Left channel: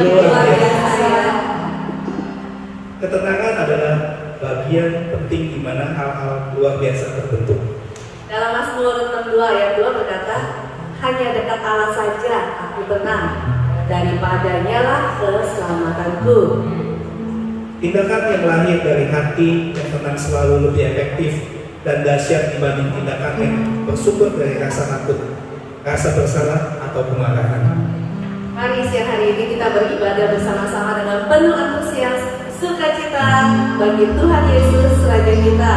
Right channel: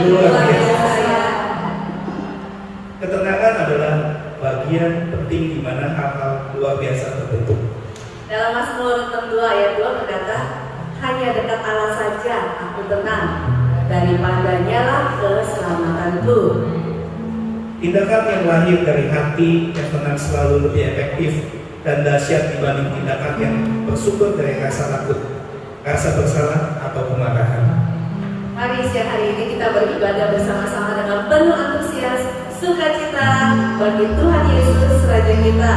Luar biasa ya. Ketenangan adalah bagian penting di mana hal-hal luar biasa terbentuk. Dalam Mazmur 62 ayat 2 berkata, hanya dekat Allah saja aku tenang, daripadanya lah keselamatanku. Tindakan yang lahir dari hati yang tenang selalu lebih efektif dan dahsyat dibanding tindakan yang bersumber dari rasa takut, rasa bersalah, atau kemarahan. Mari siang hari ini kita beribadah bersama-sama dengan penuh antusias, sukacita bagi Tuhan Yesus Raja kita.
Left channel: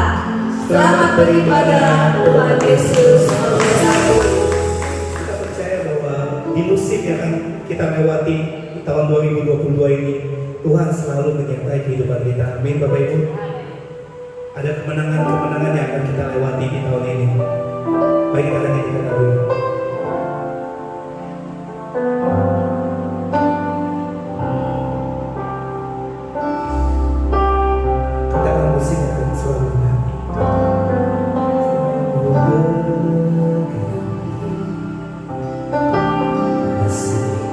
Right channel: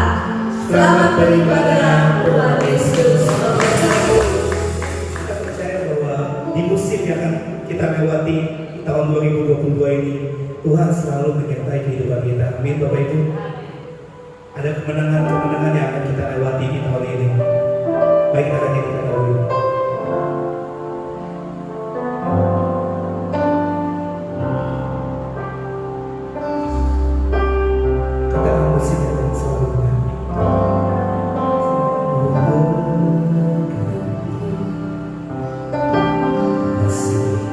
Selamat beribadah, Tuhan Yesus memberkati. Kita percaya bahwa di musim yang akan kita lewati di tahun 2022 ini, Tuhan selalu menyertai kehidupan kita. Amin Bapak Ibu. Ada kemenangan-kemenangan yang akan kita lewati di tahun ini. Baik, kita akan nyanyikan lagu ini. Katakan musik yang akan selalu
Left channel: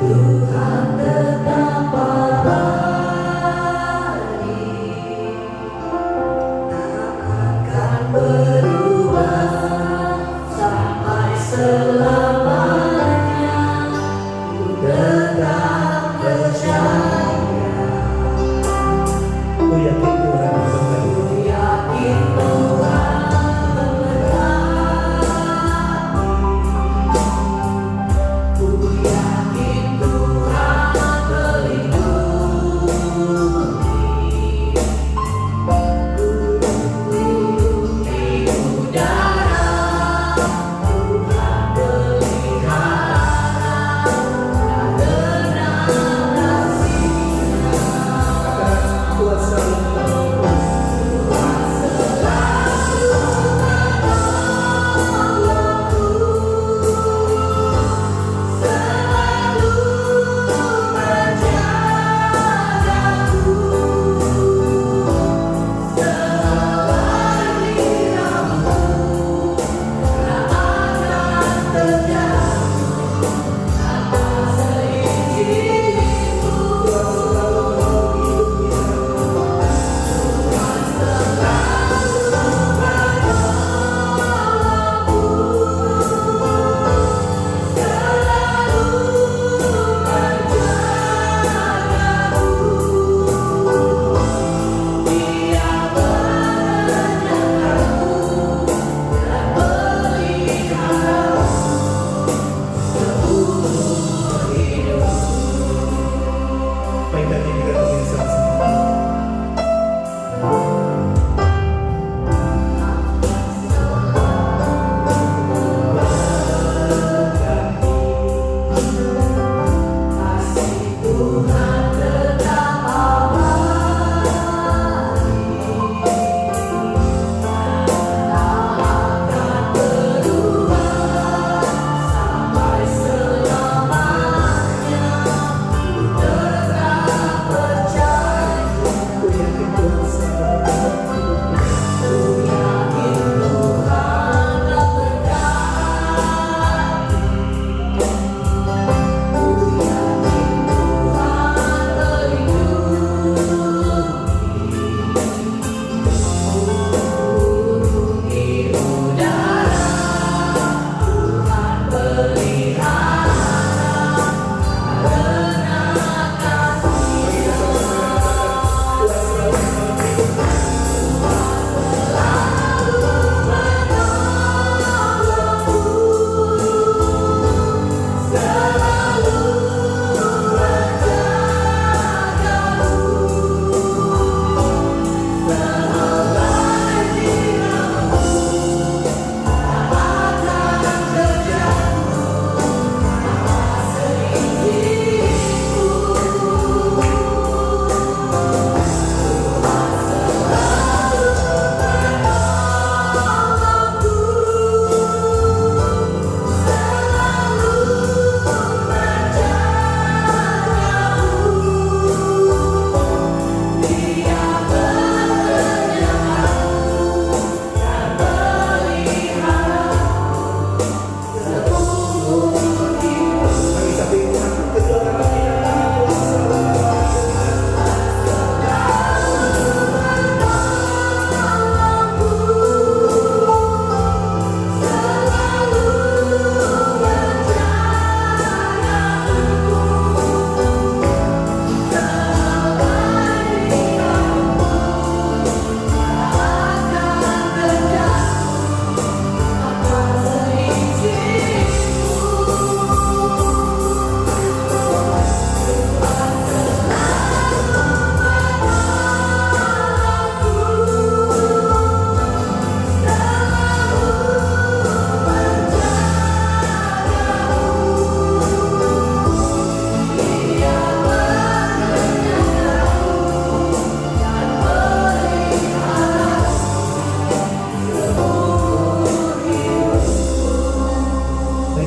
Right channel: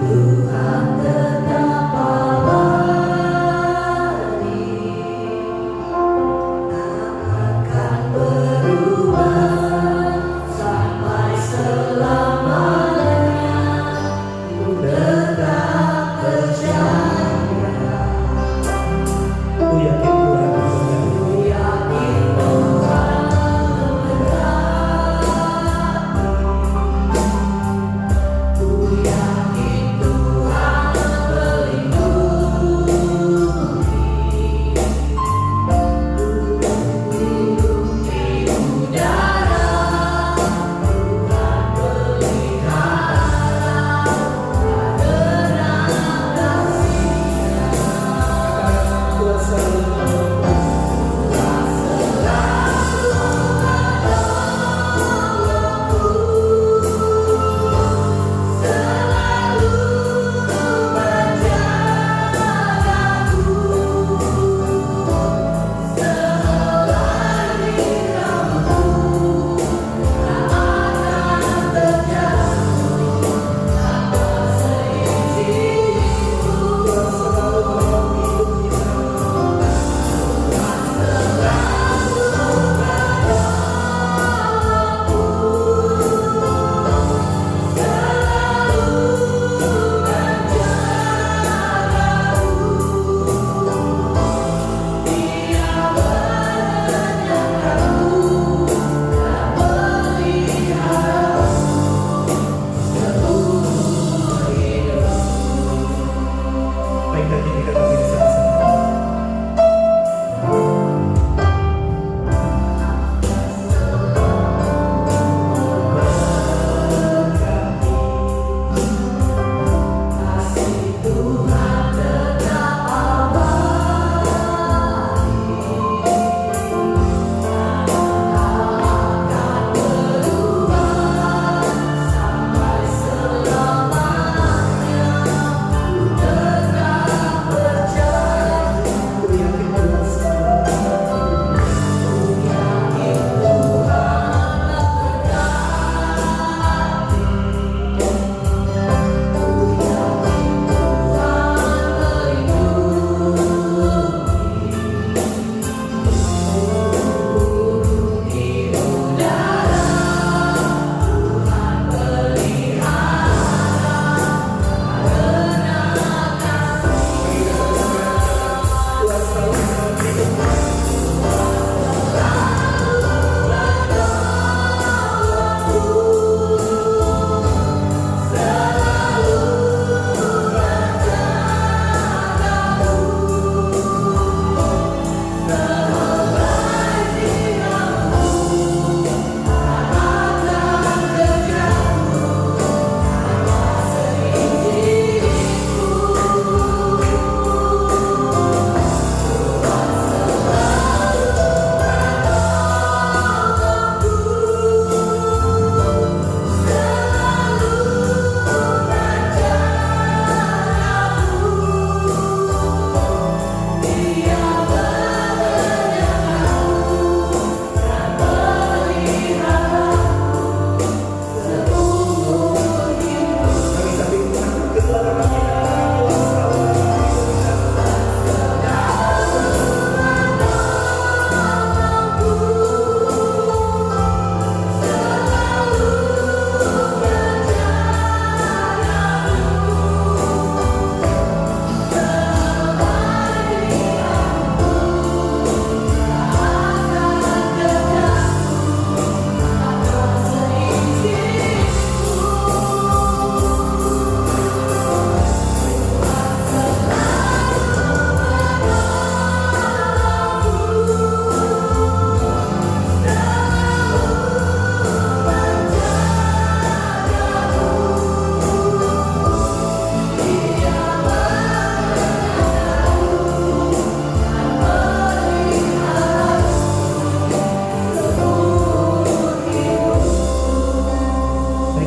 Tuhan tetap akan berubah sampai selamanya. Ku tetap percaya. Ku yakin Tuhan Ku yakin Tuhan memberkati. Ku yakin Tuhan melindungi. Di udara Tuhan pelihara, karena kasih-Nya. katakan Tuhan selalu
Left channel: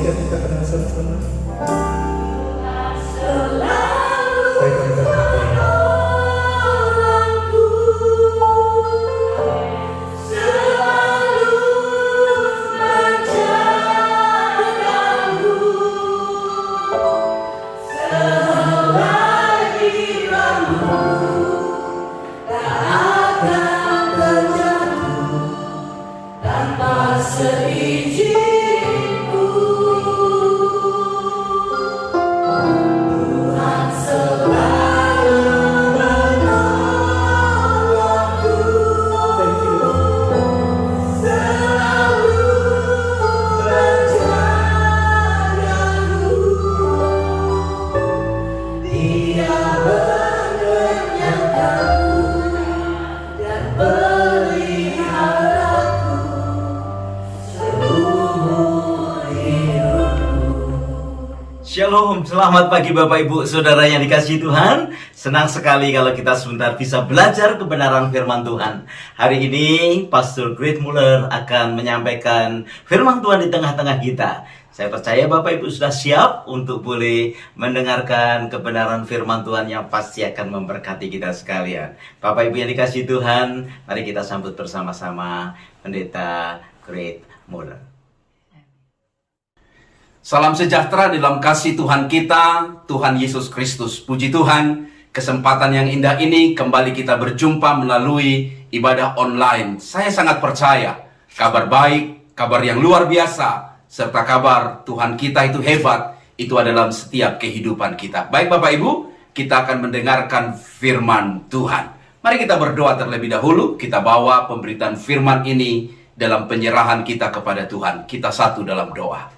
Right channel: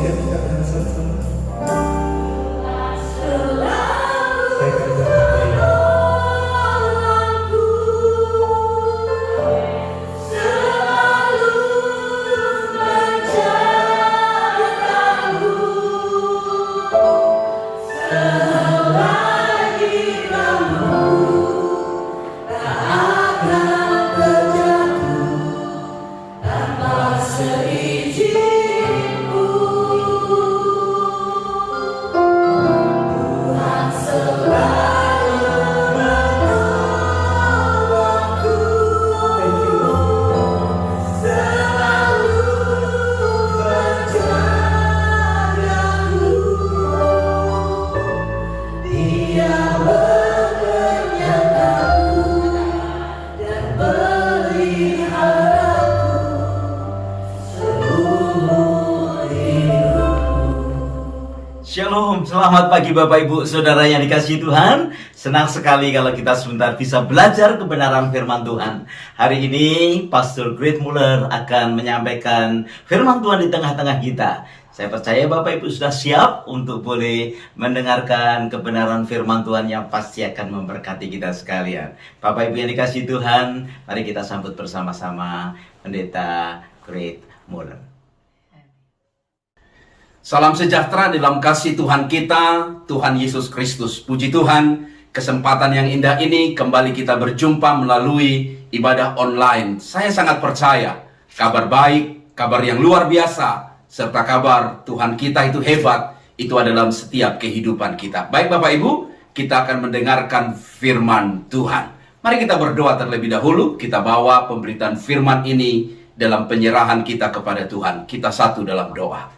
izinkan kita tenang sama-sama. Saya akan berkata ini. Shalom, selamat pagi Bapak Ibu Saudara yang dikasihi Tuhan. Senang sekali kalau kita sebentar bisa belajar kebenaran firman Tuhan. Hari ini Pastor Great Muller akan menyampaikan firman Tuhan di tengah-tengah kita. Saya percaya Bapak Ibu sudah siap untuk boleh mendengarkan kebenaran firman Tuhan yang pasti akan memberkati kita sekalian. Bapak Ibu yang dikasihi Tuhan, mari kita sambut bersama-sama Pendeta Great Muller. Salam sejahtera dalam kasih Tuhan kita, Tuhan Yesus Kristus. Puji Tuhan, kesempatan yang indah ini kembali kita berjumpa melalui ibadah online. Saya sangat percaya, kabar baik, kabar yang luar biasa, serta kabar Tuhan kita itu hebat, itu adalah setiap kehidupan kita. Baik Bapak Ibu, kita akan mendengarkan firman Tuhan. Mari kita berdoa terlebih dahulu, kita bawa pemberitaan firman ini dalam penyerahan kita kepada Tuhan. Kita satu dalam doa.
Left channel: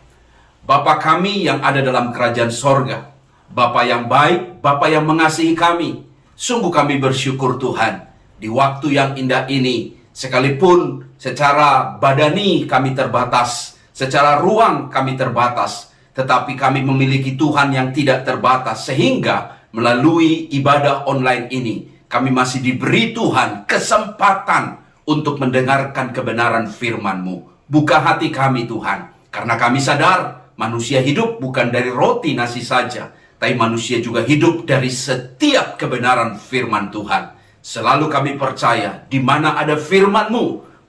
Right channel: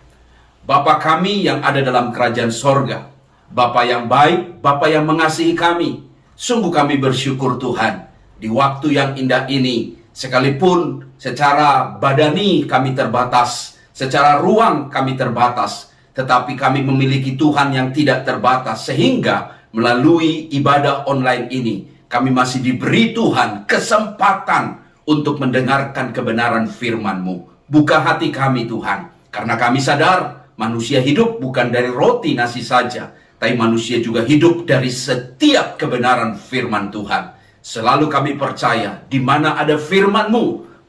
Bapa kami yang ada dalam kerajaan sorga, Bapa yang baik, Bapa yang mengasihi kami. Sungguh kami bersyukur Tuhan, di waktu yang indah ini, sekalipun secara badani kami terbatas, secara ruang kami terbatas, tetapi kami memiliki Tuhan yang tidak terbatas, sehingga melalui ibadah online ini, kami masih diberi Tuhan kesempatan untuk mendengarkan kebenaran firman-Mu. Buka hati kami Tuhan, karena kami sadar, manusia hidup bukan dari roti nasi saja, tapi manusia juga hidup dari setiap kebenaran firman Tuhan. Selalu kami percaya, di mana ada firman-Mu,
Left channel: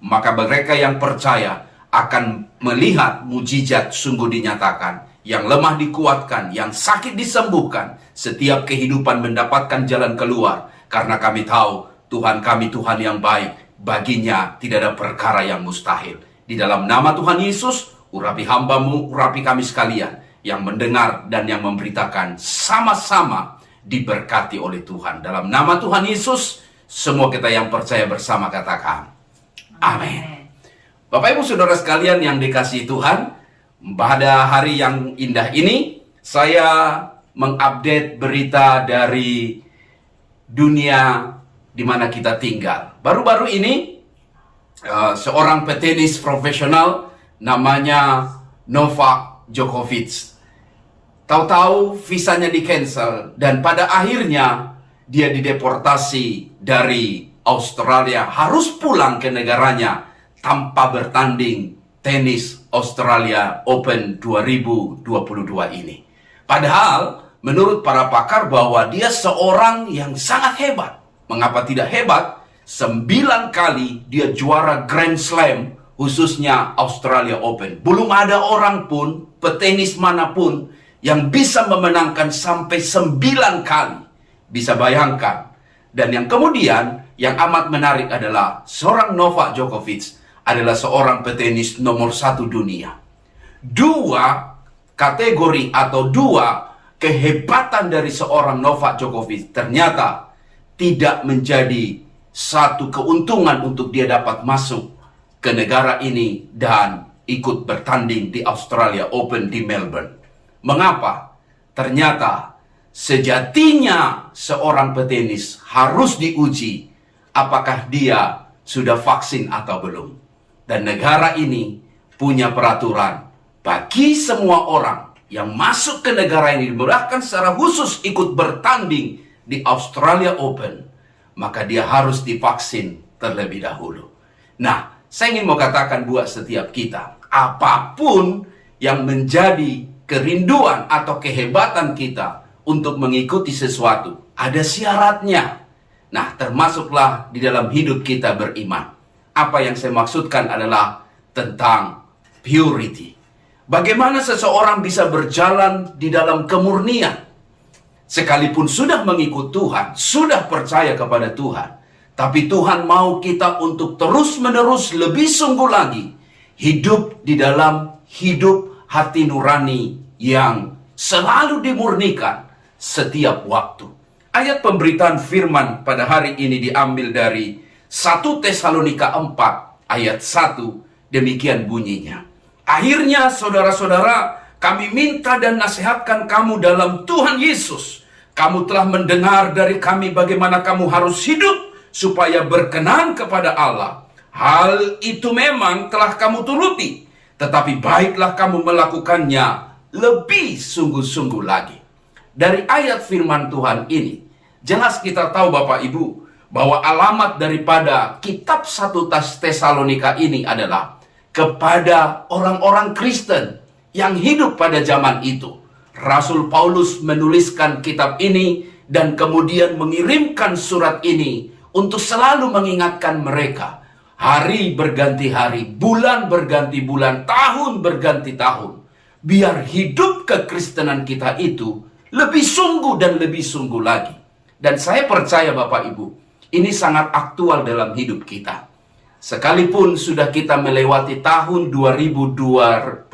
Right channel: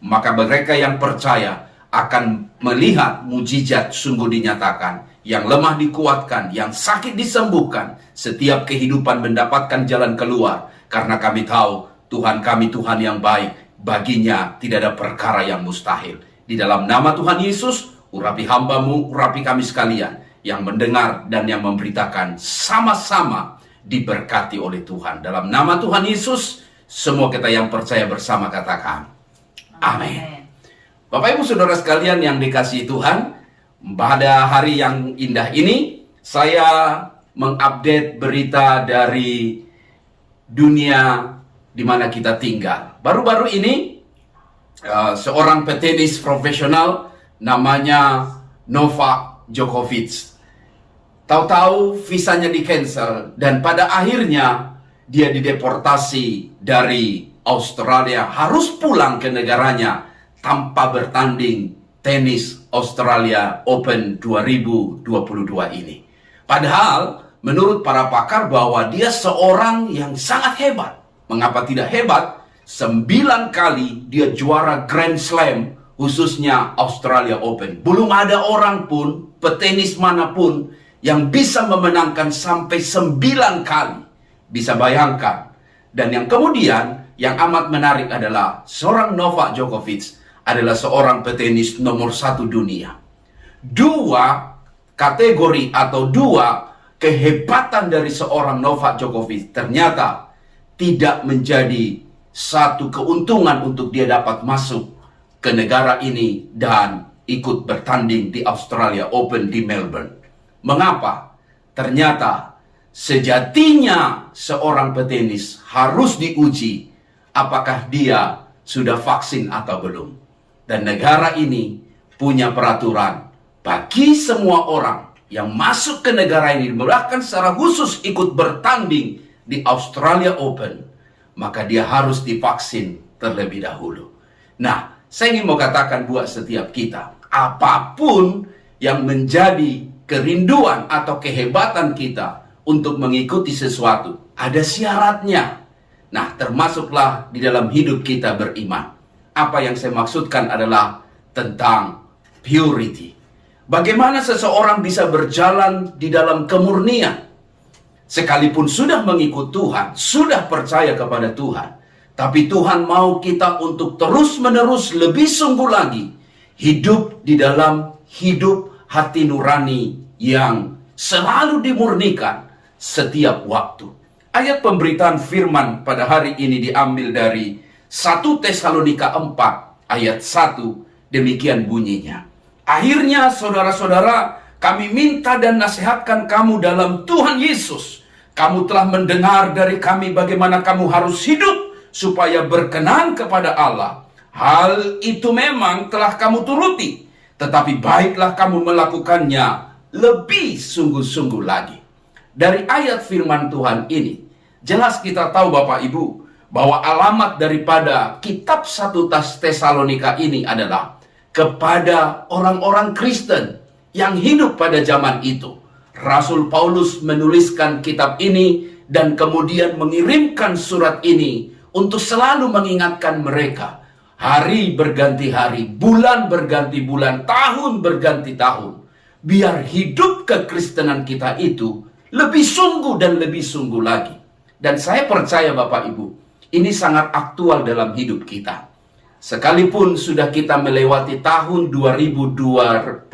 maka mereka yang percaya akan melihat mujizat sungguh dinyatakan. Yang lemah dikuatkan, yang sakit disembuhkan, setiap kehidupan mendapatkan jalan keluar. Karena kami tahu, Tuhan kami Tuhan yang baik, baginya tidak ada perkara yang mustahil. Di dalam nama Tuhan Yesus, urapi hamba-Mu, urapi kami sekalian yang mendengar dan yang memberitakan, sama-sama diberkati oleh Tuhan. Dalam nama Tuhan Yesus, semua kita yang percaya bersama katakan, amin. Bapak Ibu Saudara sekalian yang dikasihi Tuhan, pada hari yang indah ini, saya mengupdate berita dari dunia di mana kita tinggal. Baru-baru ini, seorang petenis profesional namanya Novak Djokovic. Tahu-tahu visanya di-cancel dan pada akhirnya dia dideportasi dari Australia, harus pulang ke negaranya tanpa bertanding tenis Australia Open 2022 ini. Padahal menurut para pakar bahwa dia seorang yang sangat hebat. Mengapa tidak hebat? 9 kali dia juara Grand Slam, khususnya Australia Open. Belum ada orang pun, petenis manapun, yang bisa memenangkan sampai 9 kali. Bisa bayangkan. Dan yang kemudian, yang amat menarik adalah, seorang Novak Djokovic adalah seorang petenis nomor 1 dunia. 2 kategori atau 2 kehebatan dari seorang Novak Djokovic ternyata tidak menjadi satu keuntungan untuk dia dapat masuk ke negara ini dan ikut bertanding di Australia Open di Melbourne. Mengapa? Ternyata sejatinya seorang petenis harus diuji apakah dia sudah vaksin atau belum. Dan negara ini punya peraturan bagi semua orang yang masuk ke negara ini, bahkan secara khusus ikut bertanding di Australia Open, maka dia harus divaksin terlebih dahulu. Nah, saya ingin mau katakan buat setiap kita, apapun yang menjadi kerinduan atau kehebatan kita untuk mengikuti sesuatu. Ada syaratnya. Nah, termasuklah di dalam hidup kita beriman. Apa yang saya maksudkan adalah tentang purity. Bagaimana seseorang bisa berjalan di dalam kemurnian? Sekalipun sudah mengikut Tuhan, sudah percaya kepada Tuhan, tapi Tuhan mau kita untuk terus-menerus lebih sungguh lagi hidup di dalam hidup hati nurani yang selalu dimurnikan setiap waktu. Ayat pemberitaan firman pada hari ini diambil dari 1 Tesalonika 4 ayat 1, demikian bunyinya. Akhirnya saudara-saudara, kami minta dan nasihatkan kamu dalam Tuhan Yesus. Kamu telah mendengar dari kami bagaimana kamu harus hidup supaya berkenan kepada Allah. Hal itu memang telah kamu turuti, tetapi baiklah kamu melakukannya lebih sungguh-sungguh lagi. Dari ayat firman Tuhan ini, jelas kita tahu Bapak Ibu, bahwa alamat daripada kitab 1 Tesalonika ini adalah kepada orang-orang Kristen yang hidup pada zaman itu. Rasul Paulus menuliskan kitab ini dan kemudian mengirimkan surat ini untuk selalu mengingatkan mereka. Hari berganti hari, bulan berganti bulan, tahun berganti tahun. Biar hidup kekristenan kita itu lebih sungguh dan lebih sungguh lagi. Dan saya percaya Bapak Ibu, ini sangat aktual dalam hidup kita. Sekalipun sudah kita melewati tahun 2021,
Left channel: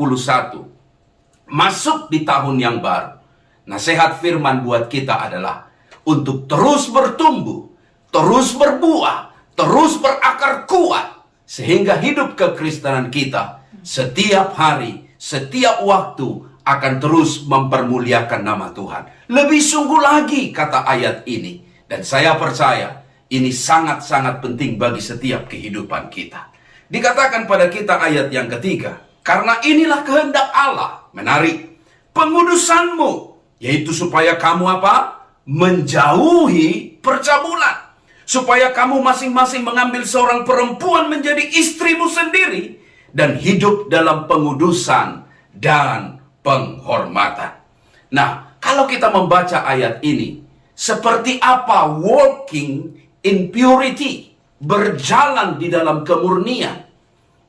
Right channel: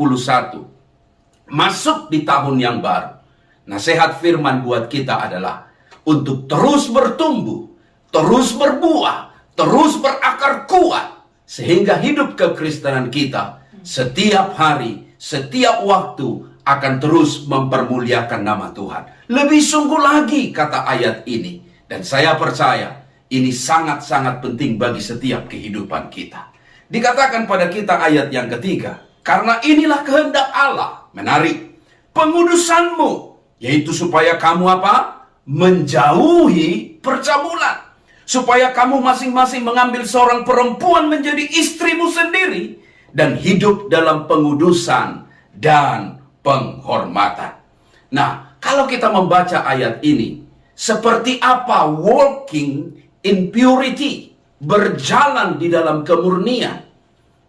masuk di tahun yang baru. Nasihat firman buat kita adalah untuk terus bertumbuh, terus berbuah, terus berakar kuat, sehingga hidup kekristenan kita setiap hari, setiap waktu akan terus mempermuliakan nama Tuhan. Lebih sungguh lagi kata ayat ini. Dan saya percaya ini sangat-sangat penting bagi setiap kehidupan kita. Dikatakan pada kita ayat yang ketiga, karena inilah kehendak Allah. Menarik. Pengudusanmu, yaitu supaya kamu apa? Menjauhi percabulan. Supaya kamu masing-masing mengambil seorang perempuan menjadi istrimu sendiri dan hidup dalam pengudusan dan penghormatan. Nah, kalau kita membaca ayat ini, seperti apa walking in purity, berjalan di dalam kemurnian?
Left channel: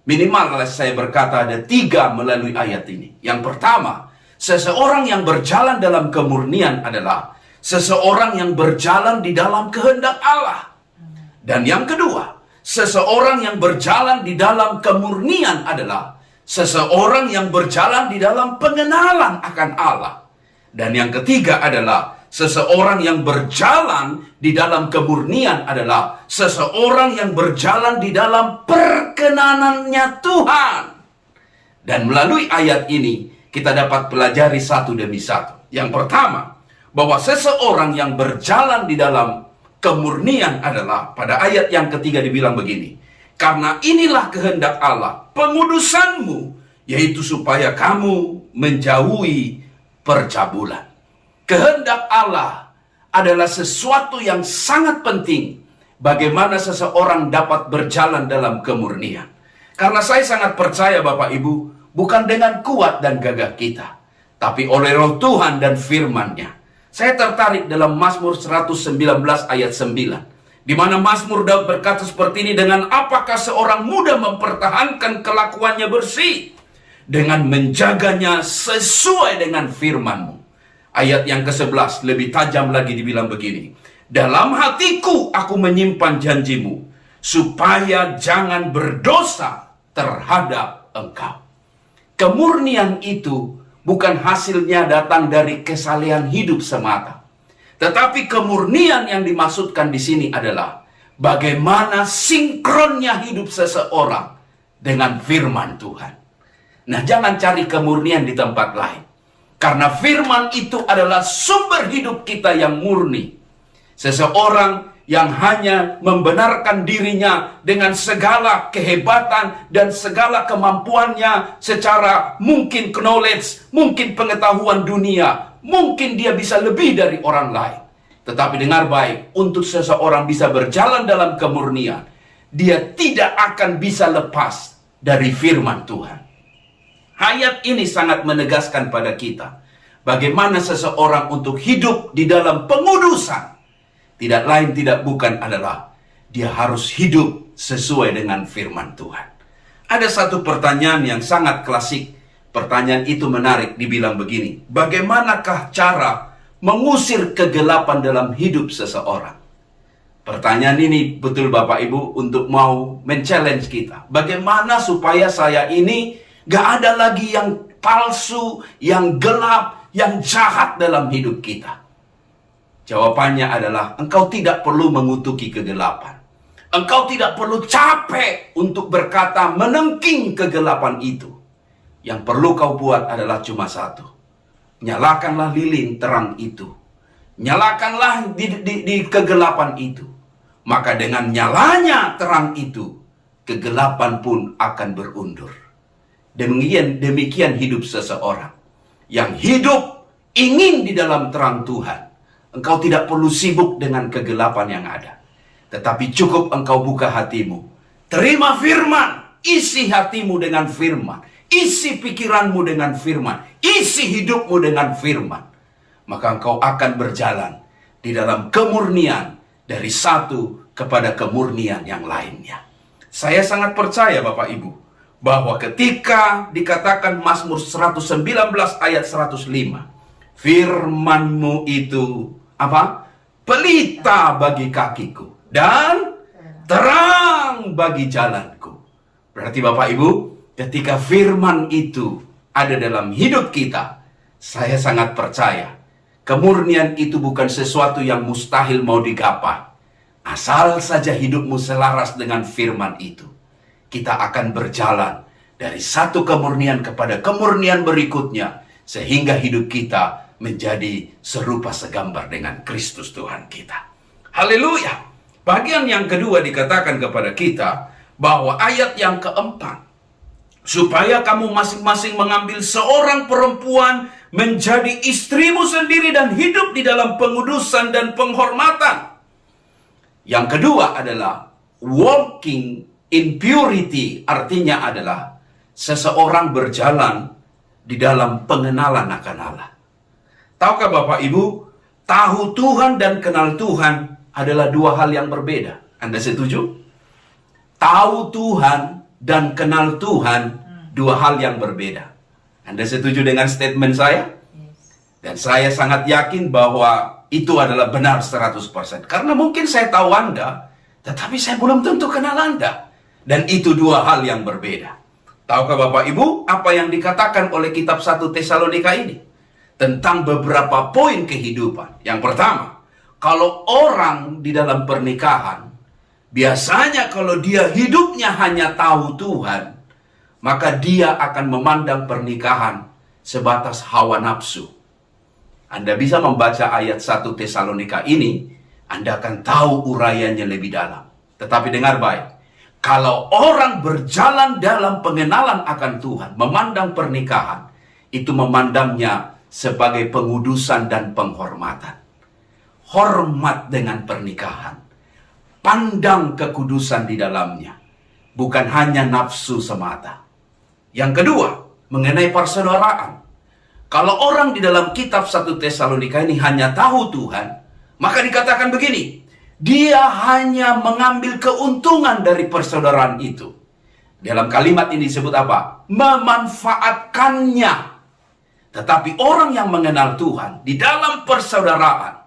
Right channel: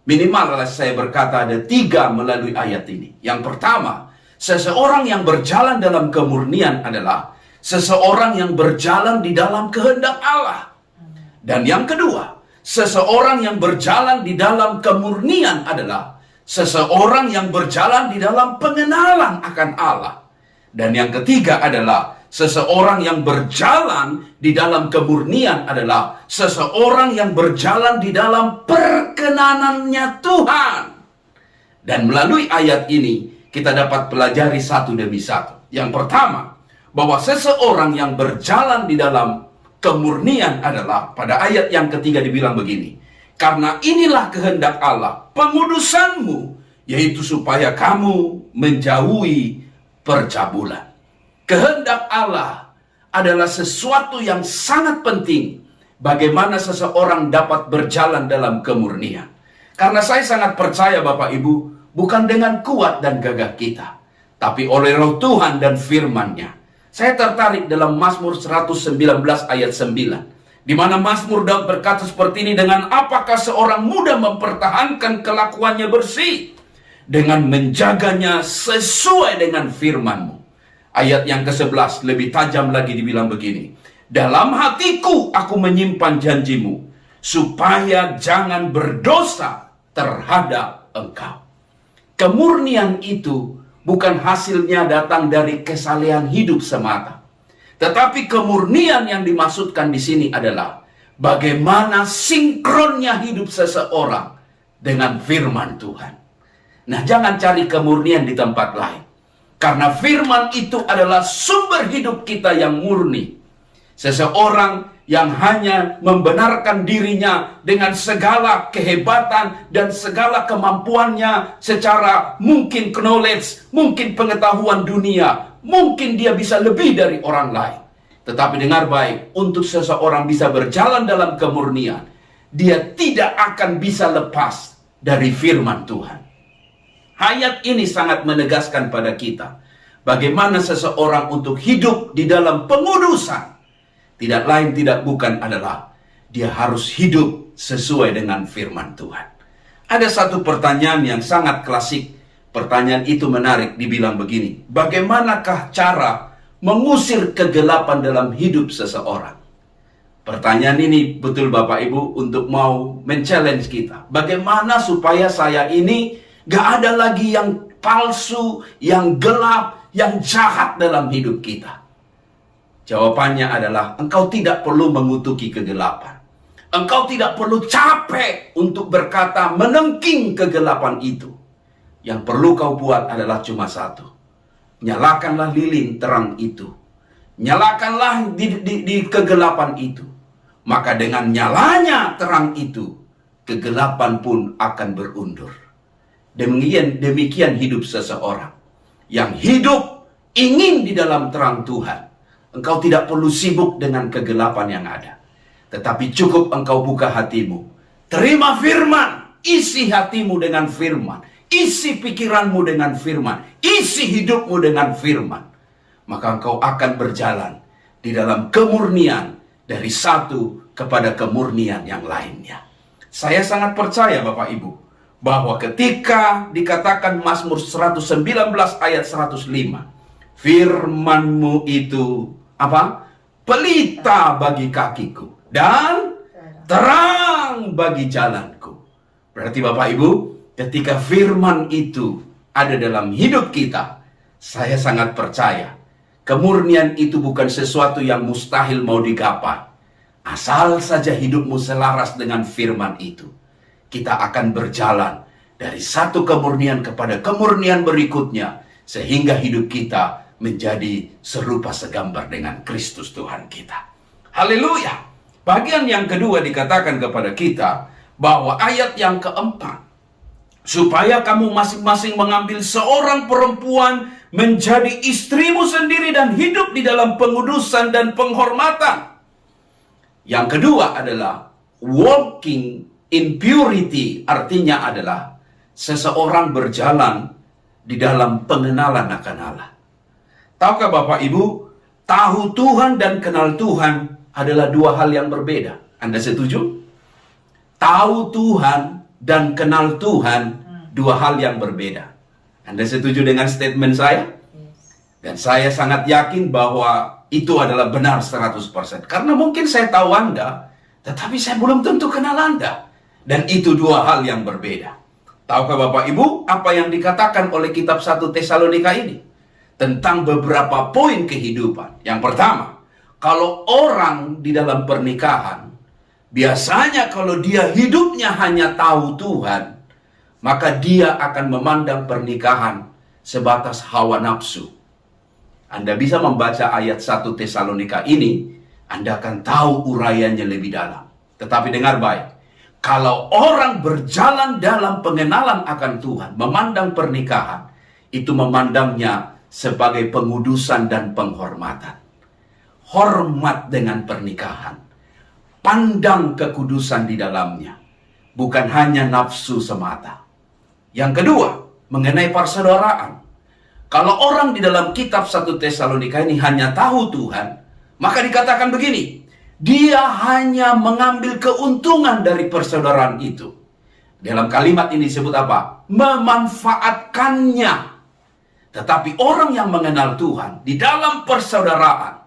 Minimal saya berkata ada 3 melalui ayat ini. Yang pertama, seseorang yang berjalan dalam kemurnian adalah seseorang yang berjalan di dalam kehendak Allah. Dan yang kedua, seseorang yang berjalan di dalam kemurnian adalah seseorang yang berjalan di dalam pengenalan akan Allah. Dan yang ketiga adalah seseorang yang berjalan di dalam kemurnian adalah seseorang yang berjalan di dalam perkenanannya Tuhan. Dan melalui ayat ini kita dapat pelajari satu demi satu. Yang pertama, bahwa seseorang yang berjalan di dalam kemurnian adalah pada ayat yang ketiga dibilang begini. Karena inilah kehendak Allah, pengudusanmu, yaitu supaya kamu menjauhi percabulan. Kehendak Allah adalah sesuatu yang sangat penting bagaimana seseorang dapat berjalan dalam kemurnian. Karena saya sangat percaya Bapak Ibu, bukan dengan kuat dan gagah kita, tapi oleh Roh Tuhan dan firman-Nya. Saya tertarik dalam Mazmur 119 ayat 9. Di mana Mazmur Daud berkata seperti ini, dengan apakah seorang muda mempertahankan kelakuannya bersih? Dengan menjaganya sesuai dengan firman-Mu. Ayat yang ke-11 lebih tajam lagi dibilang begini. Dalam hatiku aku menyimpan janjimu, supaya jangan berdosa terhadap engkau. Kemurnian itu bukan hasilnya datang dari kesalehan hidup semata. Tetapi kemurnian yang dimaksudkan di sini adalah bagaimana sinkronnya hidup seseorang dengan firman Tuhan. Nah, jangan cari kemurnian di tempat lain. Karena firman itu adalah sumber hidup kita yang murni. Seseorang yang hanya membenarkan dirinya dengan segala kehebatan dan segala kemampuannya secara mungkin knowledge, mungkin pengetahuan dunia, mungkin dia bisa lebih dari orang lain. Tetapi dengar baik, untuk seseorang bisa berjalan dalam kemurnian, dia tidak akan bisa lepas dari firman Tuhan. Ayat ini sangat menegaskan pada kita bagaimana seseorang untuk hidup di dalam pengudusan. Tidak lain tidak bukan adalah dia harus hidup sesuai dengan firman Tuhan. Ada satu pertanyaan yang sangat klasik. Pertanyaan itu menarik, dibilang begini. Bagaimanakah cara mengusir kegelapan dalam hidup seseorang? Pertanyaan ini betul Bapak Ibu untuk mau men-challenge kita. Bagaimana supaya saya ini gak ada lagi yang palsu, yang gelap, yang jahat dalam hidup kita? Jawabannya adalah engkau tidak perlu mengutuki kegelapan. Engkau tidak perlu capek untuk berkata menengking kegelapan itu. Yang perlu kau buat adalah cuma satu. Nyalakanlah lilin terang itu. Nyalakanlah di kegelapan itu. Maka dengan nyalanya terang itu, kegelapan pun akan berundur. Demikian hidup seseorang. Yang hidup ingin di dalam terang Tuhan. Engkau tidak perlu sibuk dengan kegelapan yang ada. Tetapi cukup engkau buka hatimu. Terima firman. Isi hatimu dengan firman. Isi pikiranmu dengan firman. Isi hidupmu dengan firman. Maka engkau akan berjalan di dalam kemurnian dari satu kepada kemurnian yang lainnya. Saya sangat percaya Bapak Ibu bahwa ketika dikatakan Mazmur 119 ayat 105, firman-Mu itu apa? Pelita bagi kakiku dan terang bagi jalanku. Berarti Bapak Ibu, ketika firman itu ada dalam hidup kita, saya sangat percaya kemurnian itu bukan sesuatu yang mustahil mau digapai. Asal saja hidupmu selaras dengan firman itu, kita akan berjalan dari satu kemurnian kepada kemurnian berikutnya, sehingga hidup kita menjadi serupa segambar dengan Kristus Tuhan kita. Haleluya. Bagian yang kedua dikatakan kepada kita bahwa ayat yang keempat, supaya kamu masing-masing mengambil seorang perempuan menjadi istrimu sendiri dan hidup di dalam pengudusan dan penghormatan. Yang kedua adalah walking in purity, artinya adalah seseorang berjalan di dalam pengenalan akan Allah. Tahukah Bapak Ibu, tahu Tuhan dan kenal Tuhan adalah dua hal yang berbeda. Anda setuju? Tahu Tuhan dan kenal Tuhan dua hal yang berbeda. Anda setuju dengan statement saya? Dan saya sangat yakin bahwa itu adalah benar 100%. Karena mungkin saya tahu Anda, tetapi saya belum tentu kenal Anda. Dan itu dua hal yang berbeda. Tahukah Bapak Ibu apa yang dikatakan oleh kitab 1 Tesalonika ini? Tentang beberapa poin kehidupan. Yang pertama, kalau orang di dalam pernikahan, biasanya kalau dia hidupnya hanya tahu Tuhan, maka dia akan memandang pernikahan sebatas hawa nafsu. Anda bisa membaca ayat 1 Tesalonika ini, Anda akan tahu uraiannya lebih dalam. Tetapi dengar baik, kalau orang berjalan dalam pengenalan akan Tuhan, memandang pernikahan, itu memandangnya sebagai pengudusan dan penghormatan. Hormat dengan pernikahan. Pandang kekudusan di dalamnya. Bukan hanya nafsu semata. Yang kedua, mengenai persaudaraan. Kalau orang di dalam kitab 1 Tesalonika ini hanya tahu Tuhan, maka dikatakan begini, dia hanya mengambil keuntungan dari persaudaraan itu. Dalam kalimat ini disebut apa? Memanfaatkannya. Tetapi orang yang mengenal Tuhan di dalam persaudaraan,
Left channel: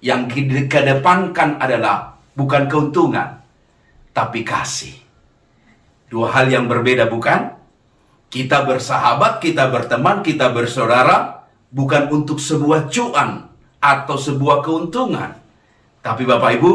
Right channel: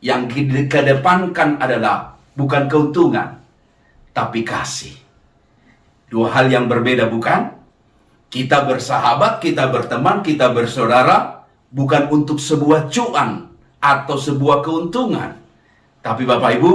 yang dikedepankan adalah bukan keuntungan, tapi kasih. Dua hal yang berbeda, bukan? Kita bersahabat, kita berteman, kita bersaudara, bukan untuk sebuah cuan atau sebuah keuntungan. Tapi Bapak Ibu,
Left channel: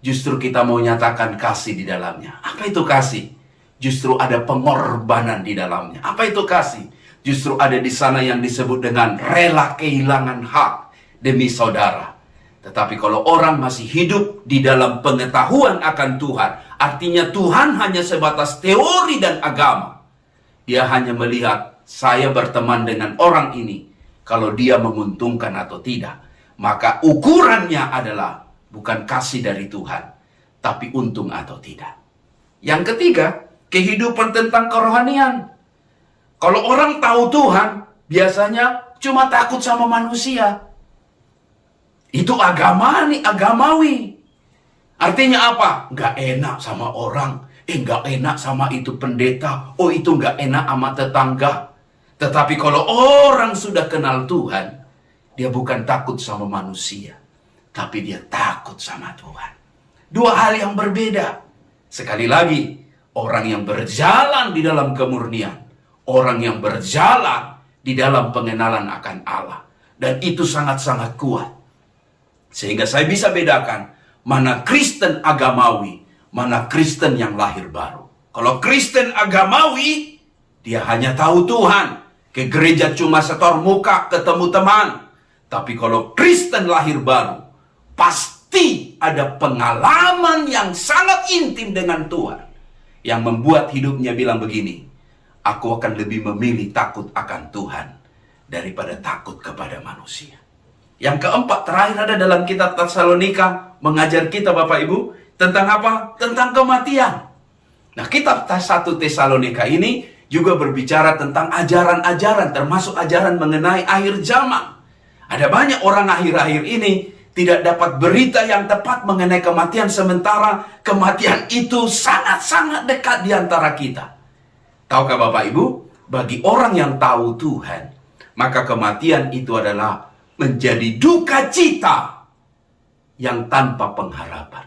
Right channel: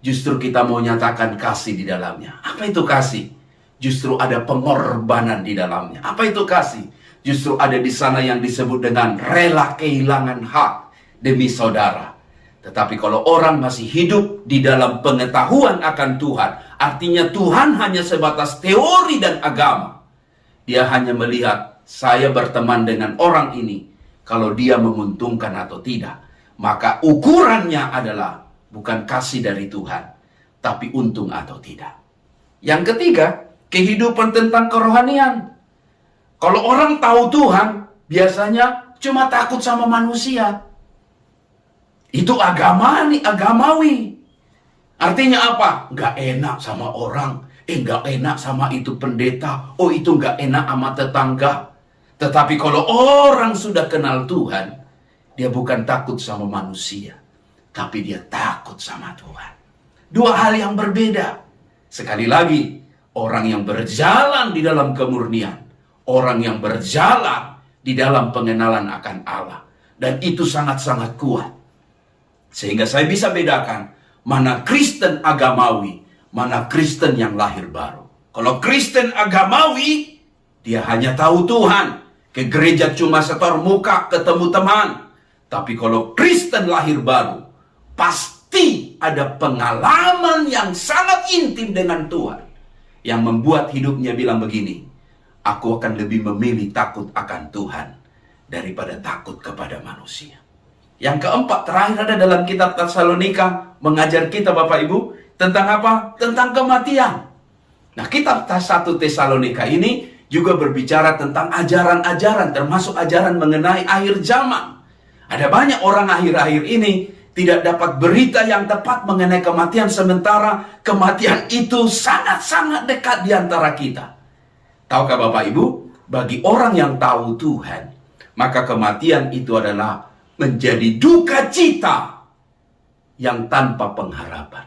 justru kita mau nyatakan kasih di dalamnya. Apa itu kasih? Justru ada pengorbanan di dalamnya. Apa itu kasih? Justru ada di sana yang disebut dengan rela kehilangan hak demi saudara. Tetapi kalau orang masih hidup di dalam pengetahuan akan Tuhan, artinya Tuhan hanya sebatas teori dan agama. Dia hanya melihat saya berteman dengan orang ini, kalau dia menguntungkan atau tidak. Maka ukurannya adalah bukan kasih dari Tuhan, tapi untung atau tidak. Yang ketiga, kehidupan tentang kerohanian. Kalau orang tahu Tuhan, biasanya cuma takut sama manusia. Itu agamawi. Artinya apa? Nggak enak sama orang. Nggak enak sama itu pendeta. Oh, itu nggak enak sama tetangga. Tetapi kalau orang sudah kenal Tuhan, dia bukan takut sama manusia, tapi dia takut sama Tuhan. Dua hal yang berbeda. Sekali lagi, orang yang berjalan di dalam kemurnian, orang yang berjalan di dalam pengenalan akan Allah. Dan itu sangat-sangat kuat. Sehingga saya bisa bedakan mana Kristen agamawi, mana Kristen yang lahir baru. Kalau Kristen agamawi, dia hanya tahu Tuhan. Ke gereja cuma setor muka, ketemu teman. Tapi kalau Kristen lahir baru, pasti ada pengalaman yang sangat intim dengan Tuhan. Yang membuat hidupnya bilang begini, aku akan lebih memilih takut akan Tuhan daripada takut kepada manusia. Yang keempat, terakhir ada dalam kitab Tesalonika, mengajar kita Bapak Ibu, tentang apa? Tentang kematian. Nah, kitab 1 Tesalonika ini juga berbicara tentang ajaran-ajaran, termasuk ajaran mengenai akhir zaman. Ada banyak orang akhir-akhir ini tidak dapat berita yang tepat mengenai kematian, sementara kematian itu sangat-sangat dekat di antara kita. Tahukah Bapak Ibu, bagi orang yang tahu Tuhan, maka kematian itu adalah menjadi duka cita yang tanpa pengharapan.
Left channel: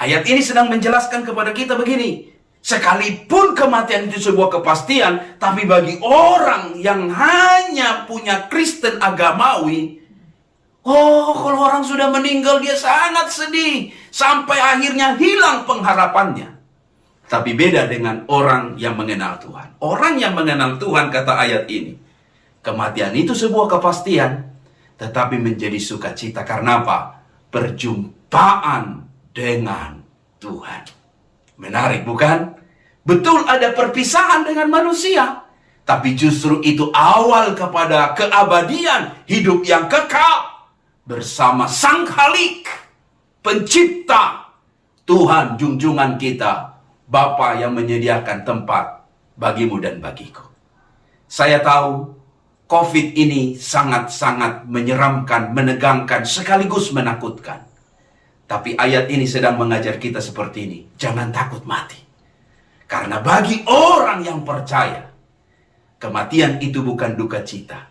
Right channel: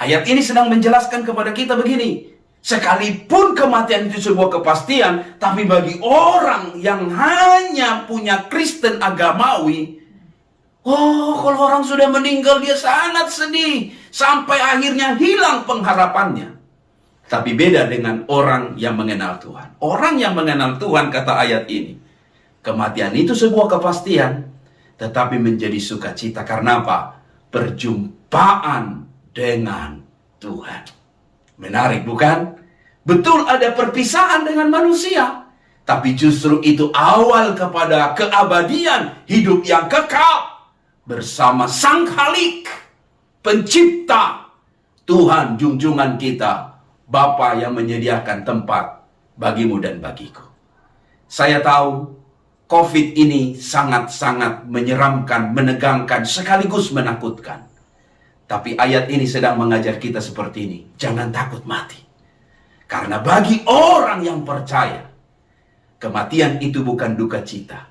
Ayat ini sedang menjelaskan kepada kita begini, sekalipun kematian itu sebuah kepastian, tapi bagi orang yang hanya punya Kristen agamawi, kalau orang sudah meninggal dia sangat sedih, sampai akhirnya hilang pengharapannya. Tapi beda dengan orang yang mengenal Tuhan. Orang yang mengenal Tuhan, kata ayat ini, kematian itu sebuah kepastian, tetapi menjadi sukacita. Karena apa? Perjumpaan dengan Tuhan. Menarik bukan? Betul ada perpisahan dengan manusia, tapi justru itu awal kepada keabadian, hidup yang kekal bersama Sang Khalik, Pencipta, Tuhan junjungan kita, Bapa yang menyediakan tempat bagimu dan bagiku. Saya tahu COVID ini sangat-sangat menyeramkan, menegangkan, sekaligus menakutkan. Tapi ayat ini sedang mengajar kita seperti ini. Jangan takut mati. Karena bagi orang yang percaya, kematian itu bukan duka cita.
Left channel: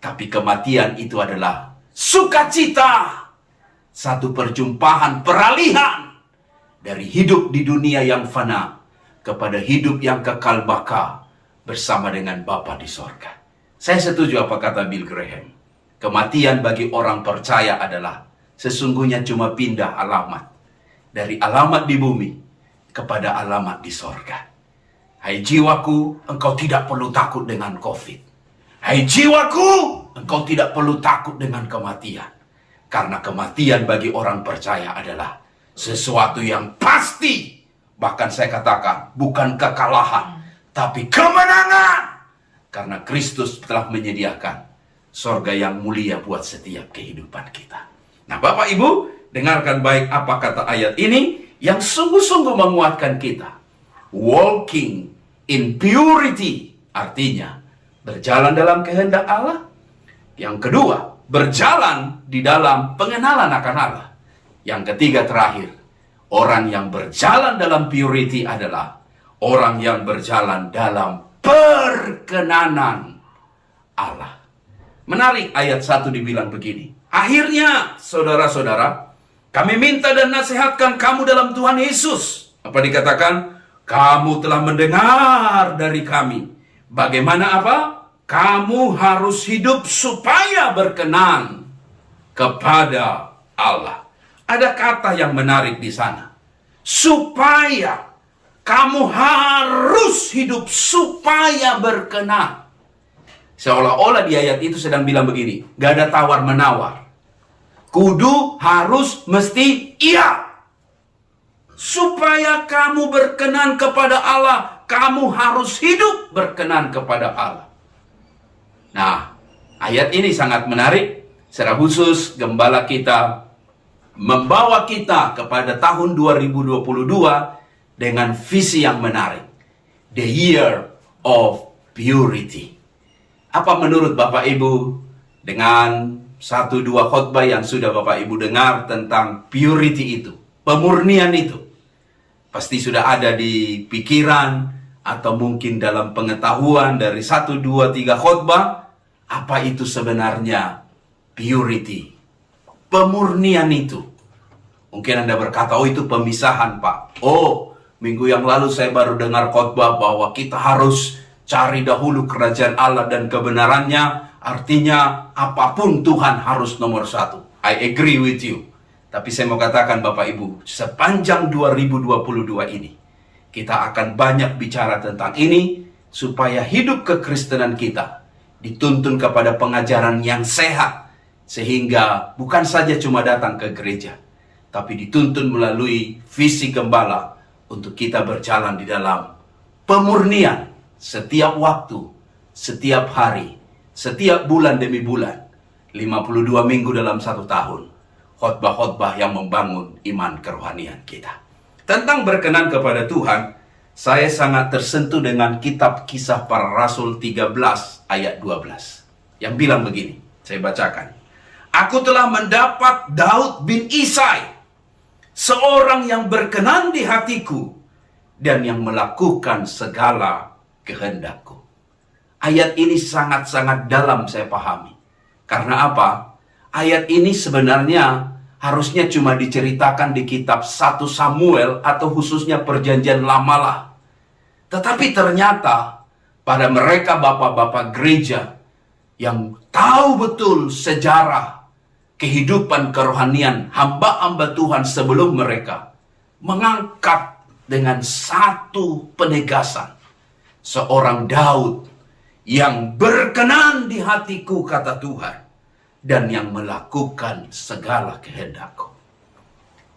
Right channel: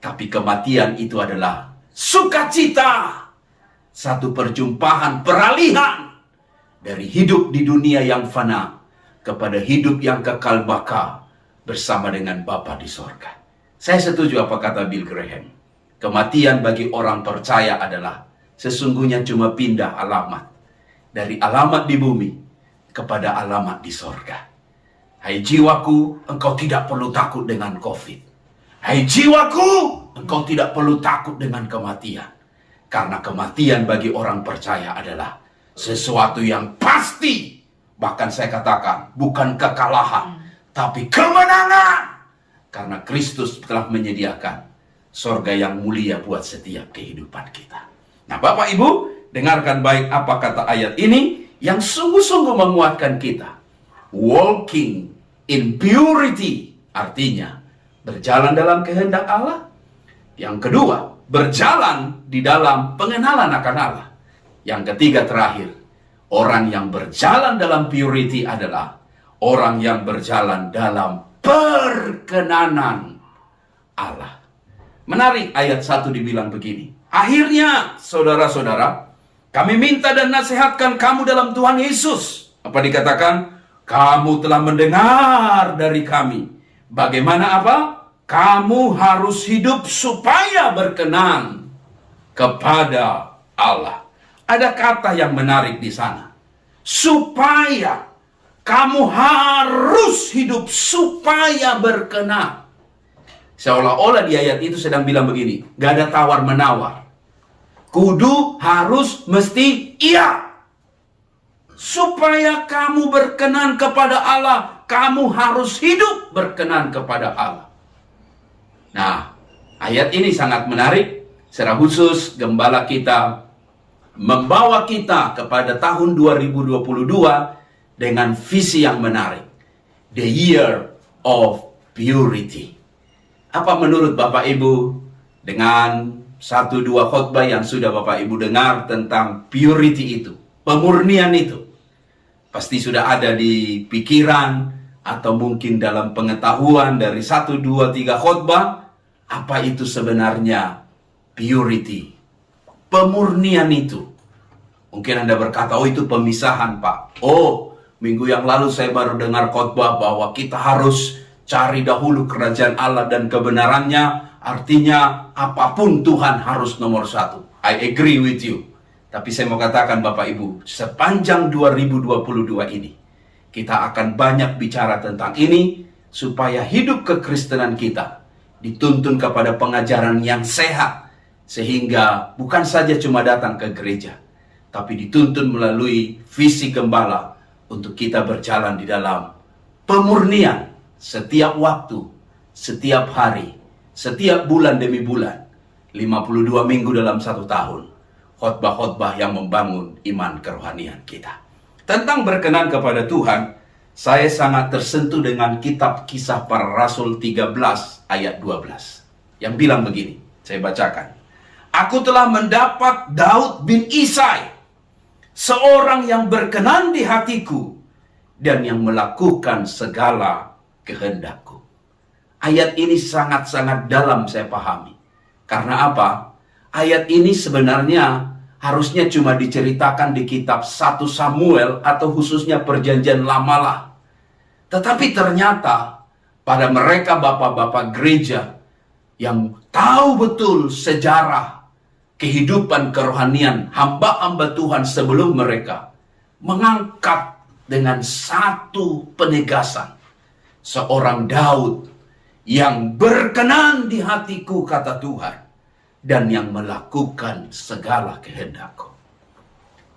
Tapi kematian itu adalah sukacita. Satu perjumpaan, peralihan. Dari hidup di dunia yang fana, kepada hidup yang kekal baka, bersama dengan Bapa di sorga. Saya setuju apa kata Bill Graham. Kematian bagi orang percaya adalah sesungguhnya cuma pindah alamat. Dari alamat di bumi kepada alamat di sorga. Hai jiwaku, engkau tidak perlu takut dengan COVID. Hai jiwaku, engkau tidak perlu takut dengan kematian. Karena kematian bagi orang percaya adalah sesuatu yang pasti. Bahkan saya katakan, bukan kekalahan, tapi kemenangan. Karena Kristus telah menyediakan sorga yang mulia buat setiap kehidupan kita. Nah, Bapak Ibu, dengarkan baik apa kata ayat ini yang sungguh-sungguh menguatkan kita. Walking in purity, artinya berjalan dalam kehendak Allah. Yang kedua, berjalan di dalam pengenalan akan Allah. Yang ketiga terakhir, orang yang berjalan dalam purity adalah orang yang berjalan dalam perkenanan Allah. Menarik, ayat 1 dibilang begini. Akhirnya, saudara-saudara, kami minta dan nasihatkan kamu dalam Tuhan Yesus. Apa dikatakan? Kamu telah mendengar dari kami. Bagaimana apa? Kamu harus hidup supaya berkenan kepada Allah. Ada kata yang menarik di sana. Supaya. Kamu harus hidup supaya berkenan. Seolah-olah di ayat itu sedang bilang begini. Gak ada tawar-menawar. Kudu, harus, mesti, iya. Supaya kamu berkenan kepada Allah, kamu harus hidup berkenan kepada Allah. Nah, ayat ini sangat menarik. Secara khusus, gembala kita membawa kita kepada tahun 2022 dengan visi yang menarik. The year of purity. Apa menurut Bapak Ibu dengan 1-2 khotbah yang sudah Bapak Ibu dengar tentang purity itu, pemurnian itu? Pasti sudah ada di pikiran atau mungkin dalam pengetahuan dari 1, 2, 3 khotbah, apa itu sebenarnya purity, pemurnian itu. Mungkin Anda berkata, oh itu pemisahan Pak. Oh, minggu yang lalu saya baru dengar khotbah bahwa kita harus cari dahulu kerajaan Allah dan kebenarannya. Artinya apapun Tuhan harus nomor 1. I agree with you. Tapi saya mau katakan Bapak Ibu, sepanjang 2022 ini, kita akan banyak bicara tentang ini, supaya hidup kekristenan kita dituntun kepada pengajaran yang sehat. Sehingga bukan saja cuma datang ke gereja, tapi dituntun melalui visi gembala untuk kita berjalan di dalam pemurnian setiap waktu, setiap hari, setiap bulan demi bulan, 52 minggu dalam 1 tahun. Khotbah-khotbah yang membangun iman kerohanian kita. Tentang berkenan kepada Tuhan, saya sangat tersentuh dengan kitab Kisah Para Rasul 13 ayat 12. Yang bilang begini, saya bacakan. Aku telah mendapat Daud bin Isai, seorang yang berkenan di hatiku dan yang melakukan segala kehendakku. Ayat ini sangat-sangat dalam saya pahami. Karena apa? Ayat ini sebenarnya harusnya cuma diceritakan di kitab 1 Samuel atau khususnya Perjanjian Lama lah. Tetapi ternyata pada mereka bapak-bapak gereja yang tahu betul sejarah kehidupan kerohanian hamba-hamba Tuhan sebelum mereka, mengangkat dengan satu penegasan, seorang Daud yang berkenan di hatiku, kata Tuhan, dan yang melakukan segala kehendakku.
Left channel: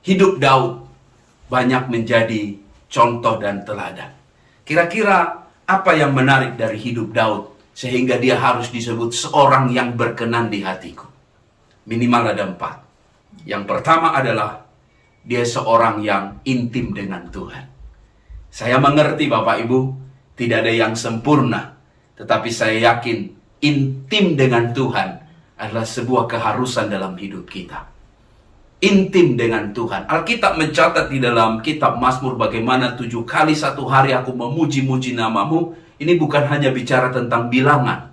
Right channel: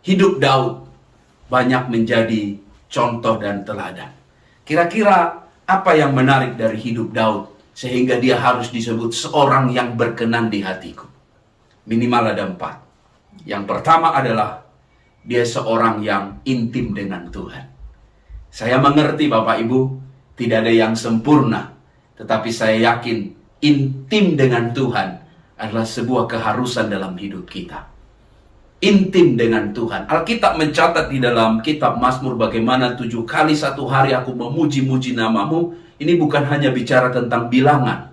Hidup Daud banyak menjadi contoh dan teladan. Kira-kira apa yang menarik dari hidup Daud sehingga dia harus disebut seorang yang berkenan di hatiku? Minimal ada 4. Yang pertama adalah dia seorang yang intim dengan Tuhan. Saya mengerti Bapak Ibu, tidak ada yang sempurna. Tetapi saya yakin intim dengan Tuhan adalah sebuah keharusan dalam hidup kita. Intim dengan Tuhan. Alkitab mencatat di dalam kitab Mazmur bagaimana 7 kali 1 hari aku memuji-muji namamu. Ini bukan hanya bicara tentang bilangan,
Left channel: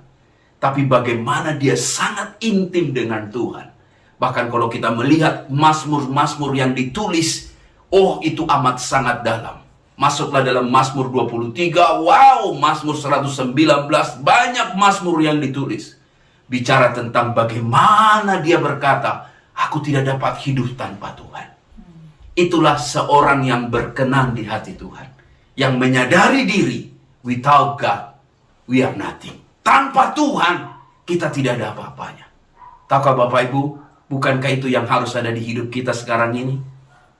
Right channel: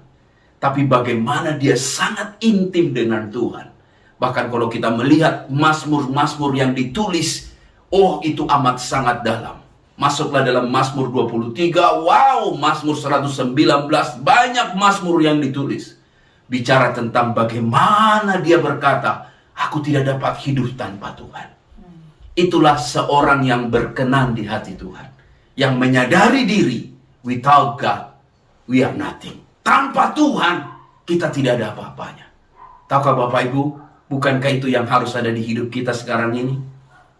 tapi bagaimana dia sangat intim dengan Tuhan. Bahkan kalau kita melihat Mazmur-Mazmur yang ditulis, oh itu amat sangat dalam. Masuklah dalam Mazmur 23, wow, Mazmur 119, banyak Mazmur yang ditulis. Bicara tentang bagaimana dia berkata, aku tidak dapat hidup tanpa Tuhan. Itulah seorang yang berkenan di hati Tuhan. Yang menyadari diri, without God, we are nothing. Tanpa Tuhan, kita tidak ada apa-apanya. Tahukah Bapak Ibu, bukankah itu yang harus ada di hidup kita sekarang ini?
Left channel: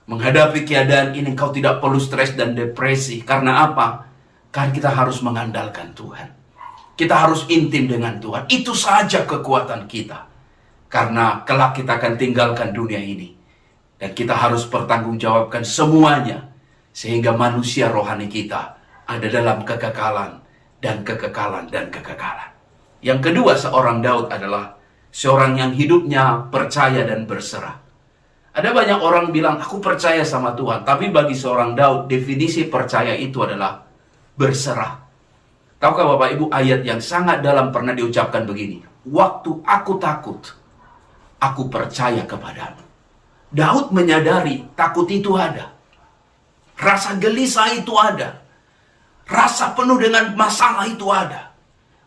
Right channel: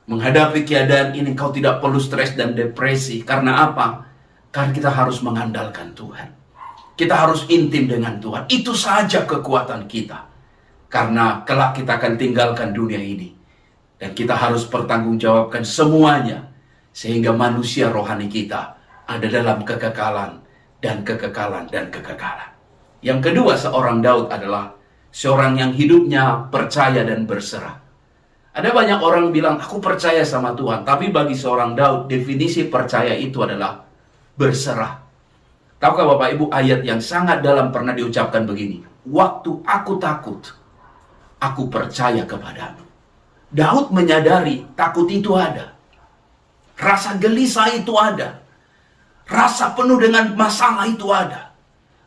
Menghadapi keadaan ini, kau tidak perlu stres dan depresi. Karena apa? Karena kita harus mengandalkan Tuhan. Kita harus intim dengan Tuhan. Itu saja kekuatan kita. Karena kelak kita akan tinggalkan dunia ini. Dan kita harus pertanggungjawabkan semuanya. Sehingga manusia rohani kita ada dalam kekekalan dan kekekalan dan kekekalan. Yang kedua seorang Daud adalah seorang yang hidupnya percaya dan berserah. Ada banyak orang bilang, aku percaya sama Tuhan. Tapi bagi seorang Daud, definisi percaya itu adalah berserah. Tahukah Bapak Ibu, ayat yang sangat dalam pernah diucapkan begini. Waktu aku takut, aku percaya kepadamu. Daud menyadari takut itu ada. Rasa gelisah itu ada. Rasa penuh dengan masalah itu ada.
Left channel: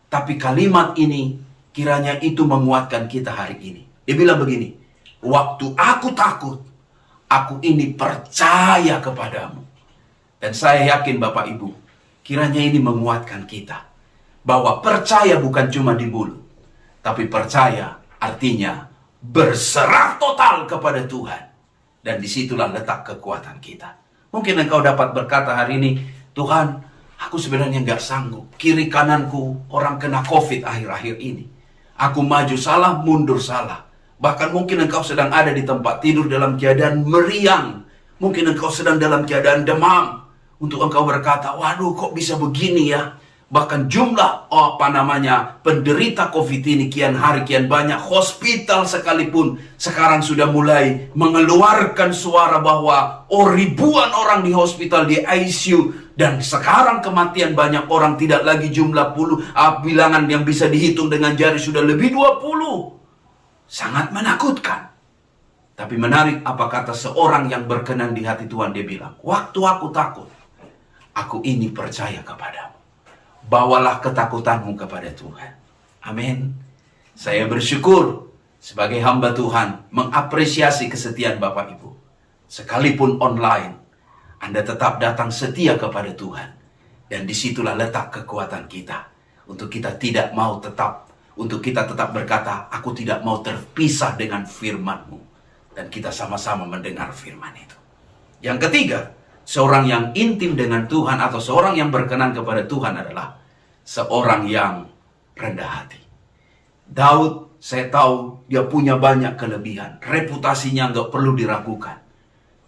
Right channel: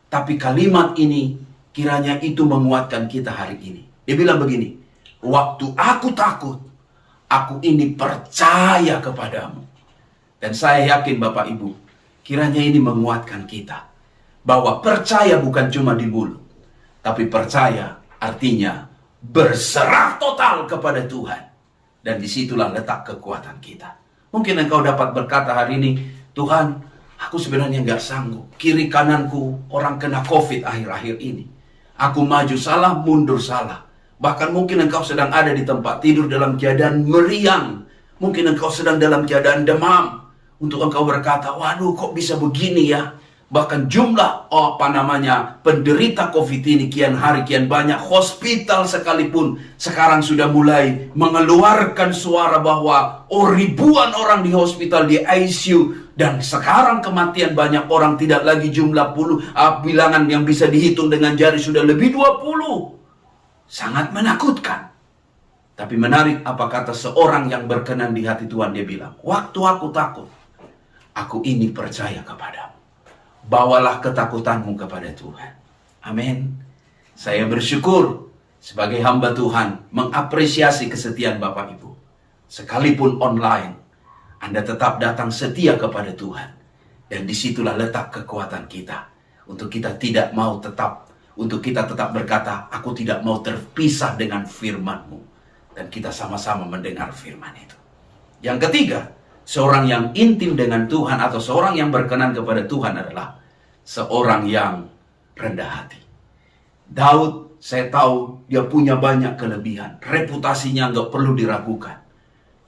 Tapi kalimat ini kiranya itu menguatkan kita hari ini. Dia bilang begini, waktu aku takut, aku ini percaya kepadamu. Dan saya yakin Bapak Ibu, kiranya ini menguatkan kita. Bahwa percaya bukan cuma di mulut. Tapi percaya artinya berserah total kepada Tuhan. Dan disitulah letak kekuatan kita. Mungkin engkau dapat berkata hari ini, Tuhan, aku sebenarnya nggak sanggup. Kiri kananku orang kena COVID akhir-akhir ini. Aku maju salah, mundur salah. Bahkan mungkin engkau sedang ada di tempat tidur dalam keadaan meriang. Mungkin engkau sedang dalam keadaan demam. Untuk engkau berkata, waduh kok bisa begini ya. Bahkan jumlah penderita COVID ini kian hari kian banyak. Hospital sekalipun sekarang sudah mulai mengeluarkan suara bahwa ribuan orang di hospital, di ICU. Dan sekarang kematian banyak orang, tidak lagi jumlah bilangan yang bisa dihitung dengan jari, sudah lebih 20. Sangat menakutkan. Tapi menarik apa kata seorang yang berkenan di hati Tuhan. Dia bilang, waktu aku takut, aku ini percaya kepadamu. Bawalah ketakutanmu kepada Tuhan. Amin. Saya bersyukur sebagai hamba Tuhan mengapresiasi kesetiaan Bapak Ibu. Sekalipun online, Anda tetap datang setia kepada Tuhan. Dan disitulah letak kekuatan kita. Untuk kita tetap berkata, aku tidak mau terpisah dengan firman-Mu. Dan kita sama-sama mendengar firman itu. Yang ketiga, seorang yang intim dengan Tuhan atau seorang yang berkenan kepada Tuhan adalah seorang yang rendah hati. Daud, saya tahu dia punya banyak kelebihan. Reputasinya nggak perlu diragukan.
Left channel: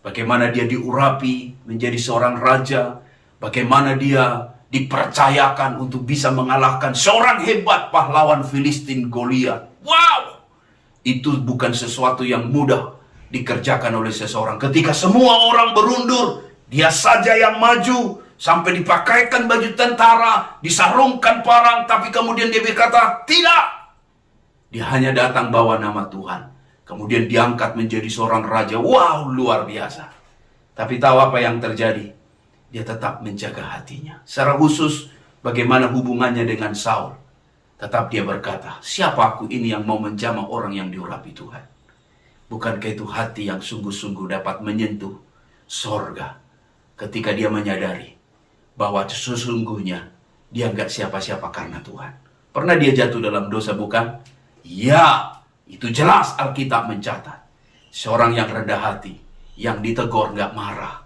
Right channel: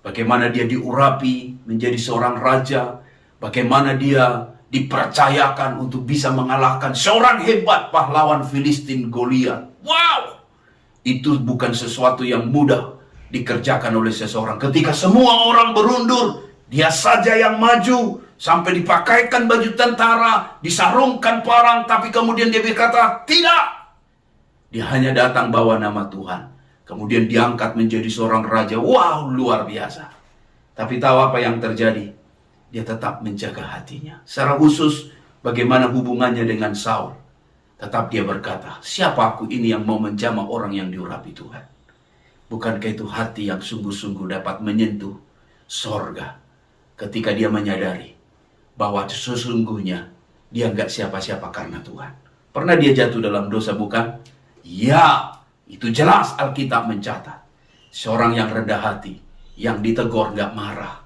Bagaimana dia diurapi menjadi seorang raja. Bagaimana dia dipercayakan untuk bisa mengalahkan seorang hebat pahlawan Filistin, Goliat. Wow! Itu bukan sesuatu yang mudah dikerjakan oleh seseorang. Ketika semua orang berundur, dia saja yang maju. Sampai dipakaikan baju tentara, disarungkan parang, tapi kemudian dia berkata, tidak. Dia hanya datang bawa nama Tuhan. Kemudian diangkat menjadi seorang raja. Wow, luar biasa. Tapi tahu apa yang terjadi? Dia tetap menjaga hatinya. Secara khusus, bagaimana hubungannya dengan Saul. Tetap dia berkata, siapa aku ini yang mau menjamah orang yang diurapi Tuhan? Bukankah itu hati yang sungguh-sungguh dapat menyentuh sorga ketika dia menyadari bahwa sesungguhnya dia nggak siapa-siapa karena Tuhan. Pernah dia jatuh dalam dosa bukan? Ya, itu jelas Alkitab mencatat. Seorang yang rendah hati, yang ditegur nggak marah,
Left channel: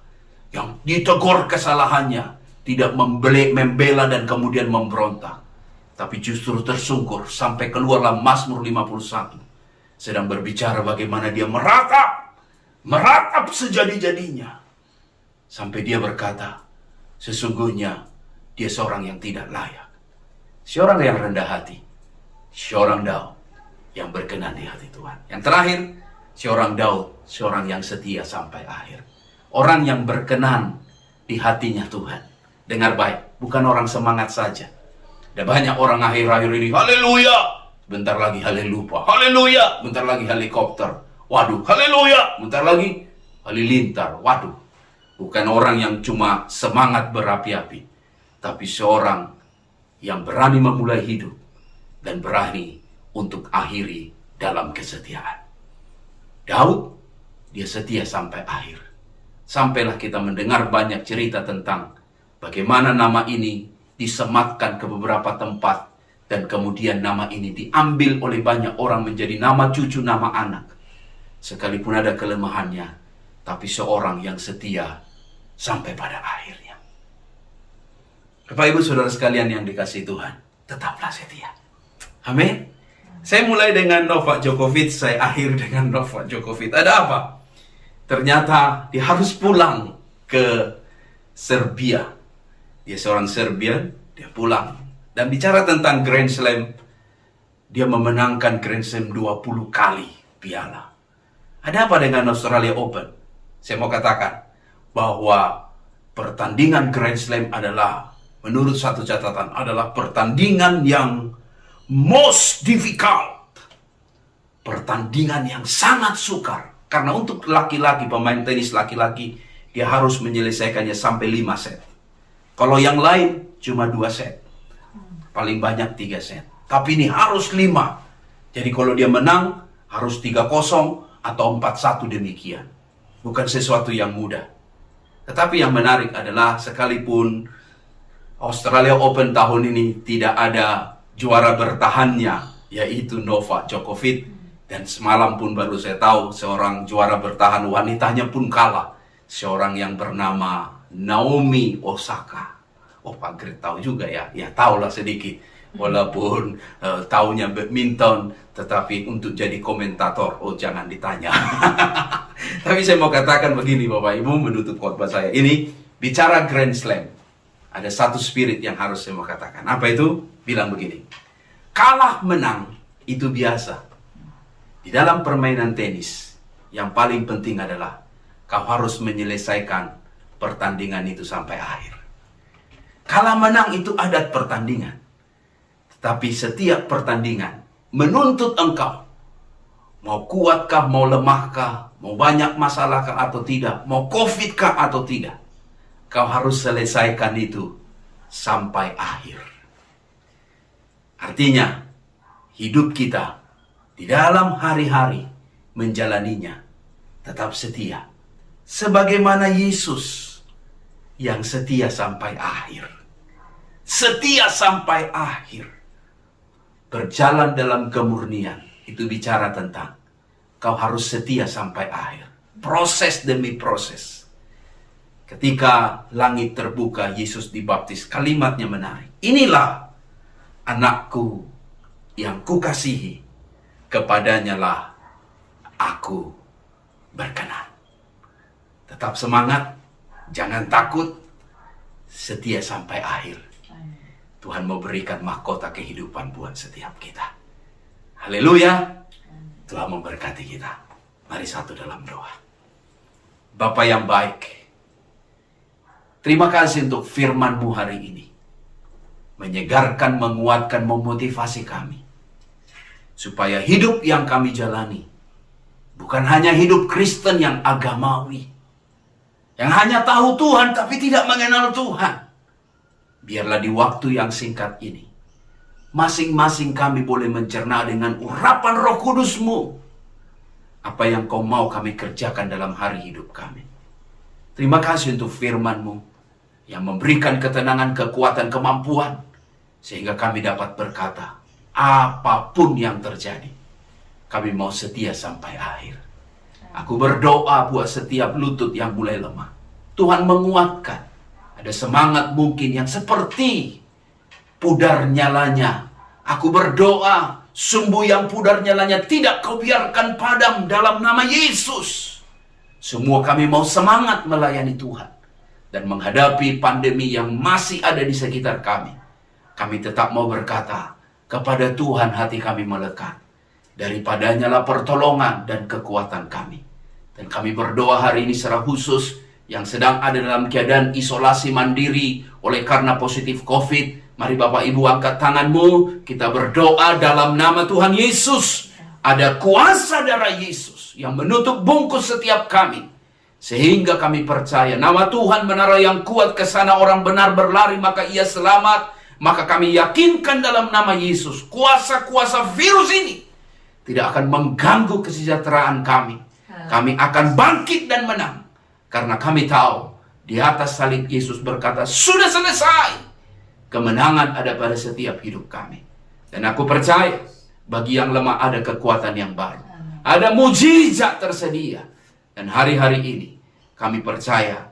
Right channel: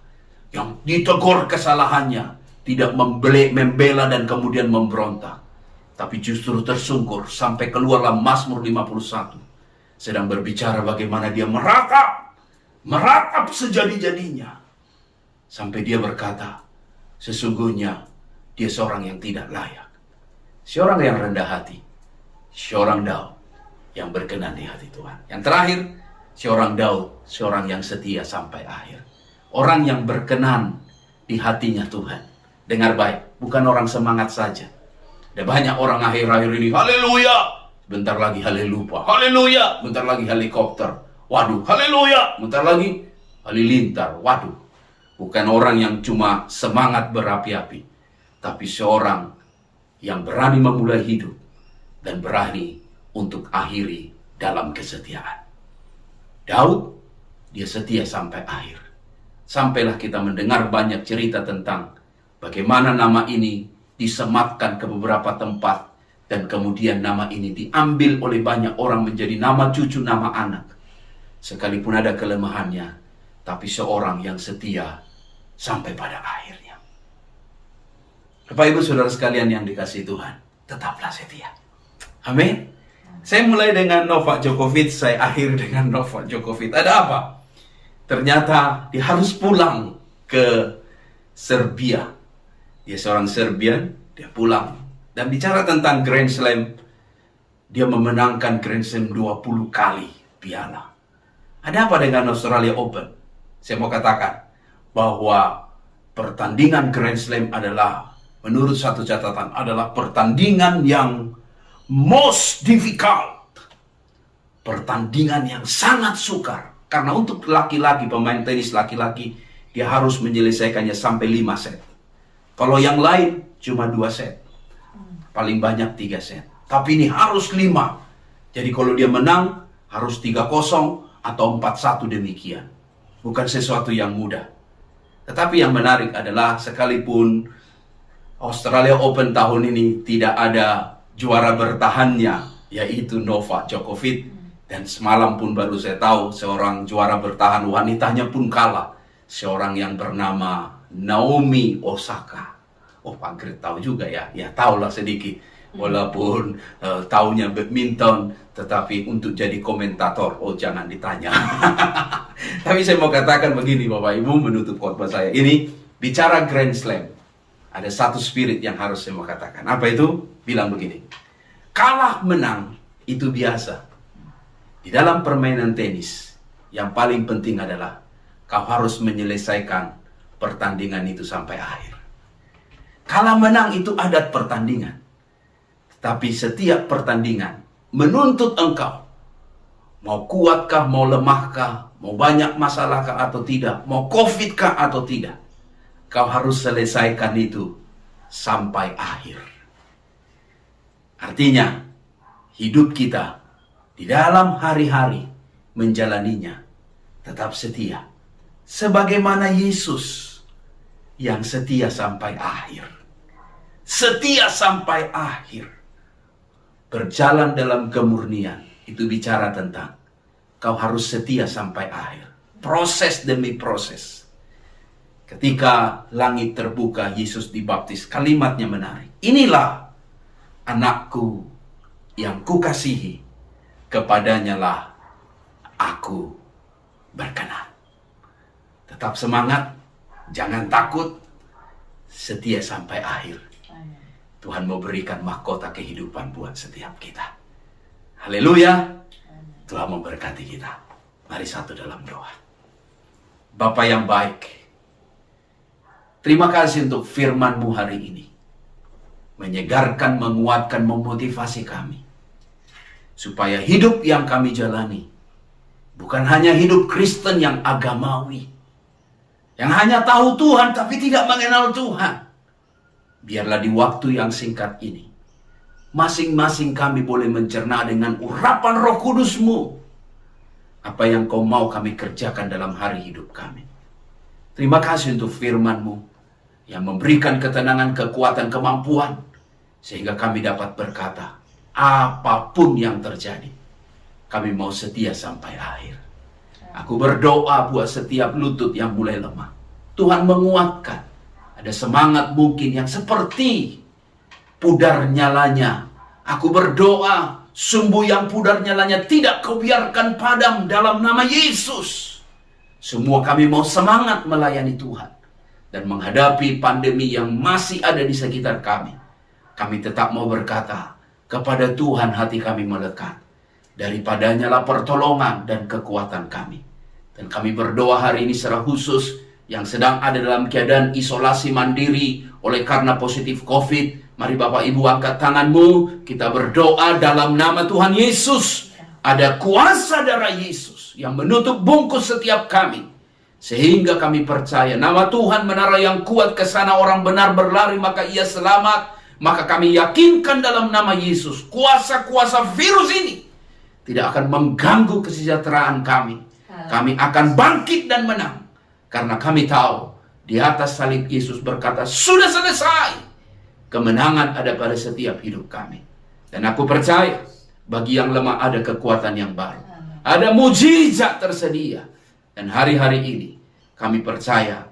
yang ditegur kesalahannya, tidak membela dan kemudian memberontak, tapi justru tersungkur sampai keluarlah Mazmur 51. Sedang berbicara bagaimana dia meratap sejadi-jadinya. Sampai dia berkata, sesungguhnya dia seorang yang tidak layak. Seorang yang rendah hati. Seorang Daud yang berkenan di hati Tuhan. Yang terakhir, seorang Daud, seorang yang setia sampai akhir. Orang yang berkenan di hatinya Tuhan. Dengar baik, bukan orang semangat saja. Ada banyak orang akhir-akhir ini, haleluya, bentar lagi halelupa, haleluya, bentar lagi helikopter, waduh, haleluya, bentar lagi halilintar, waduh. Bukan orang yang cuma semangat berapi-api, tapi seorang yang berani memulai hidup dan berani untuk akhiri dalam kesetiaan. Daud, dia setia sampai akhir. Sampailah kita mendengar banyak cerita tentang bagaimana nama ini disematkan ke beberapa tempat dan kemudian nama ini diambil oleh banyak orang menjadi nama cucu, nama anak. Sekalipun ada kelemahannya, tapi seorang yang setia sampai pada akhirnya. Bapak Ibu Saudara sekalian yang dikasihi Tuhan, tetaplah setia. Amin. Saya mulai dengan Novak Djokovic, saya akhir dengan Novak Djokovic. Ada apa? Ternyata dia harus pulang ke Serbia. Dia seorang Serbian, dia pulang. Dan bicara tentang Grand Slam, dia memenangkan Grand Slam 20 kali piala. Ada apa dengan Australia Open? Saya mau katakan bahwa pertandingan Grand Slam adalah, menurut satu catatan, adalah pertandingan yang most difficult. Pertandingan yang sangat sukar. Karena untuk laki-laki, pemain tenis laki-laki, dia harus menyelesaikannya sampai 5 set. Kalau yang lain cuma 2 set. Paling banyak 3 set. Tapi ini harus 5. Jadi kalau dia menang, harus 3-0 atau 4-1 demikian. Bukan sesuatu yang mudah. Tetapi yang menarik adalah sekalipun Australia Open tahun ini tidak ada juara bertahannya, yaitu Novak Djokovic. Dan semalam pun baru saya tahu seorang juara bertahan wanitanya pun kalah. Seorang yang bernama Naomi Osaka. Oh, Pak Grit tahu juga ya. Ya tahulah sedikit. Walaupun taunya badminton, tetapi untuk jadi komentator, oh jangan ditanya. Tapi saya mau katakan begini Bapak Ibu, menutup khotbah saya ini, bicara Grand Slam. ada satu spirit yang harus saya mau katakan. Apa itu? Bilang begini. Kalah menang itu biasa. Di dalam permainan tenis, yang paling penting adalah kau harus menyelesaikan pertandingan itu sampai akhir. Kalah menang itu adat pertandingan. Tetapi setiap pertandingan menuntut engkau. Mau kuatkah, mau lemahkah, mau banyak masalahkah atau tidak, mau COVID kah atau tidak. Kau harus selesaikan itu sampai akhir. Artinya, hidup kita di dalam hari-hari menjalaninya tetap setia. Sebagaimana Yesus yang setia sampai akhir. Setia sampai akhir. Berjalan dalam kemurnian. Itu bicara tentang kau harus setia sampai akhir. Proses demi proses. Ketika langit terbuka, Yesus dibaptis. Kalimatnya menarik. Inilah anakku yang kukasihi. Kepadanya lah aku berkenan. Tetap semangat. Jangan takut. Setia sampai akhir. Tuhan mau berikan mahkota kehidupan buat setiap kita. Haleluya. Tuhan memberkati kita. Mari satu dalam doa. Bapa yang baik. Terima kasih untuk firman-Mu hari ini. Menyegarkan, menguatkan, memotivasi kami. Supaya hidup yang kami jalani. Bukan hanya hidup Kristen yang agamawi. Yang hanya tahu Tuhan tapi tidak mengenal Tuhan. Biarlah di waktu yang singkat ini. Masing-masing kami boleh mencerna dengan urapan Roh Kudus-Mu. Apa yang Kau mau kami kerjakan dalam hari hidup kami. Terima kasih untuk firman-Mu. Yang memberikan ketenangan, kekuatan, kemampuan. Sehingga kami dapat berkata, apapun yang terjadi, kami mau setia sampai akhir. Aku berdoa buat setiap lutut yang mulai lemah. Tuhan menguatkan. Ada semangat mungkin yang seperti pudar nyalanya. Aku berdoa, sumbu yang pudar nyalanya tidak Kau biarkan padam dalam nama Yesus. Semua kami mau semangat melayani Tuhan. Dan menghadapi pandemi yang masih ada di sekitar kami. Kami tetap mau berkata, kepada Tuhan hati kami melekat. Daripadanya lah pertolongan dan kekuatan kami. Dan kami berdoa hari ini secara khusus yang sedang ada dalam keadaan isolasi mandiri oleh karena positif COVID. Mari Bapak Ibu angkat tanganmu. Kita berdoa dalam nama Tuhan Yesus. Ada kuasa darah Yesus yang menutup bungkus setiap kami. Sehingga kami percaya nama Tuhan menara yang kuat ke sana orang benar berlari maka ia selamat. Maka kami yakinkan dalam nama Yesus. Kuasa-kuasa virus ini tidak akan mengganggu kesejahteraan kami. Kami akan bangkit dan menang. Karena kami tahu di atas salib Yesus berkata sudah selesai. Kemenangan ada pada setiap hidup kami. Dan aku percaya bagi yang lemah ada kekuatan yang baru. Ada mujizat tersedia. Dan hari-hari ini kami percaya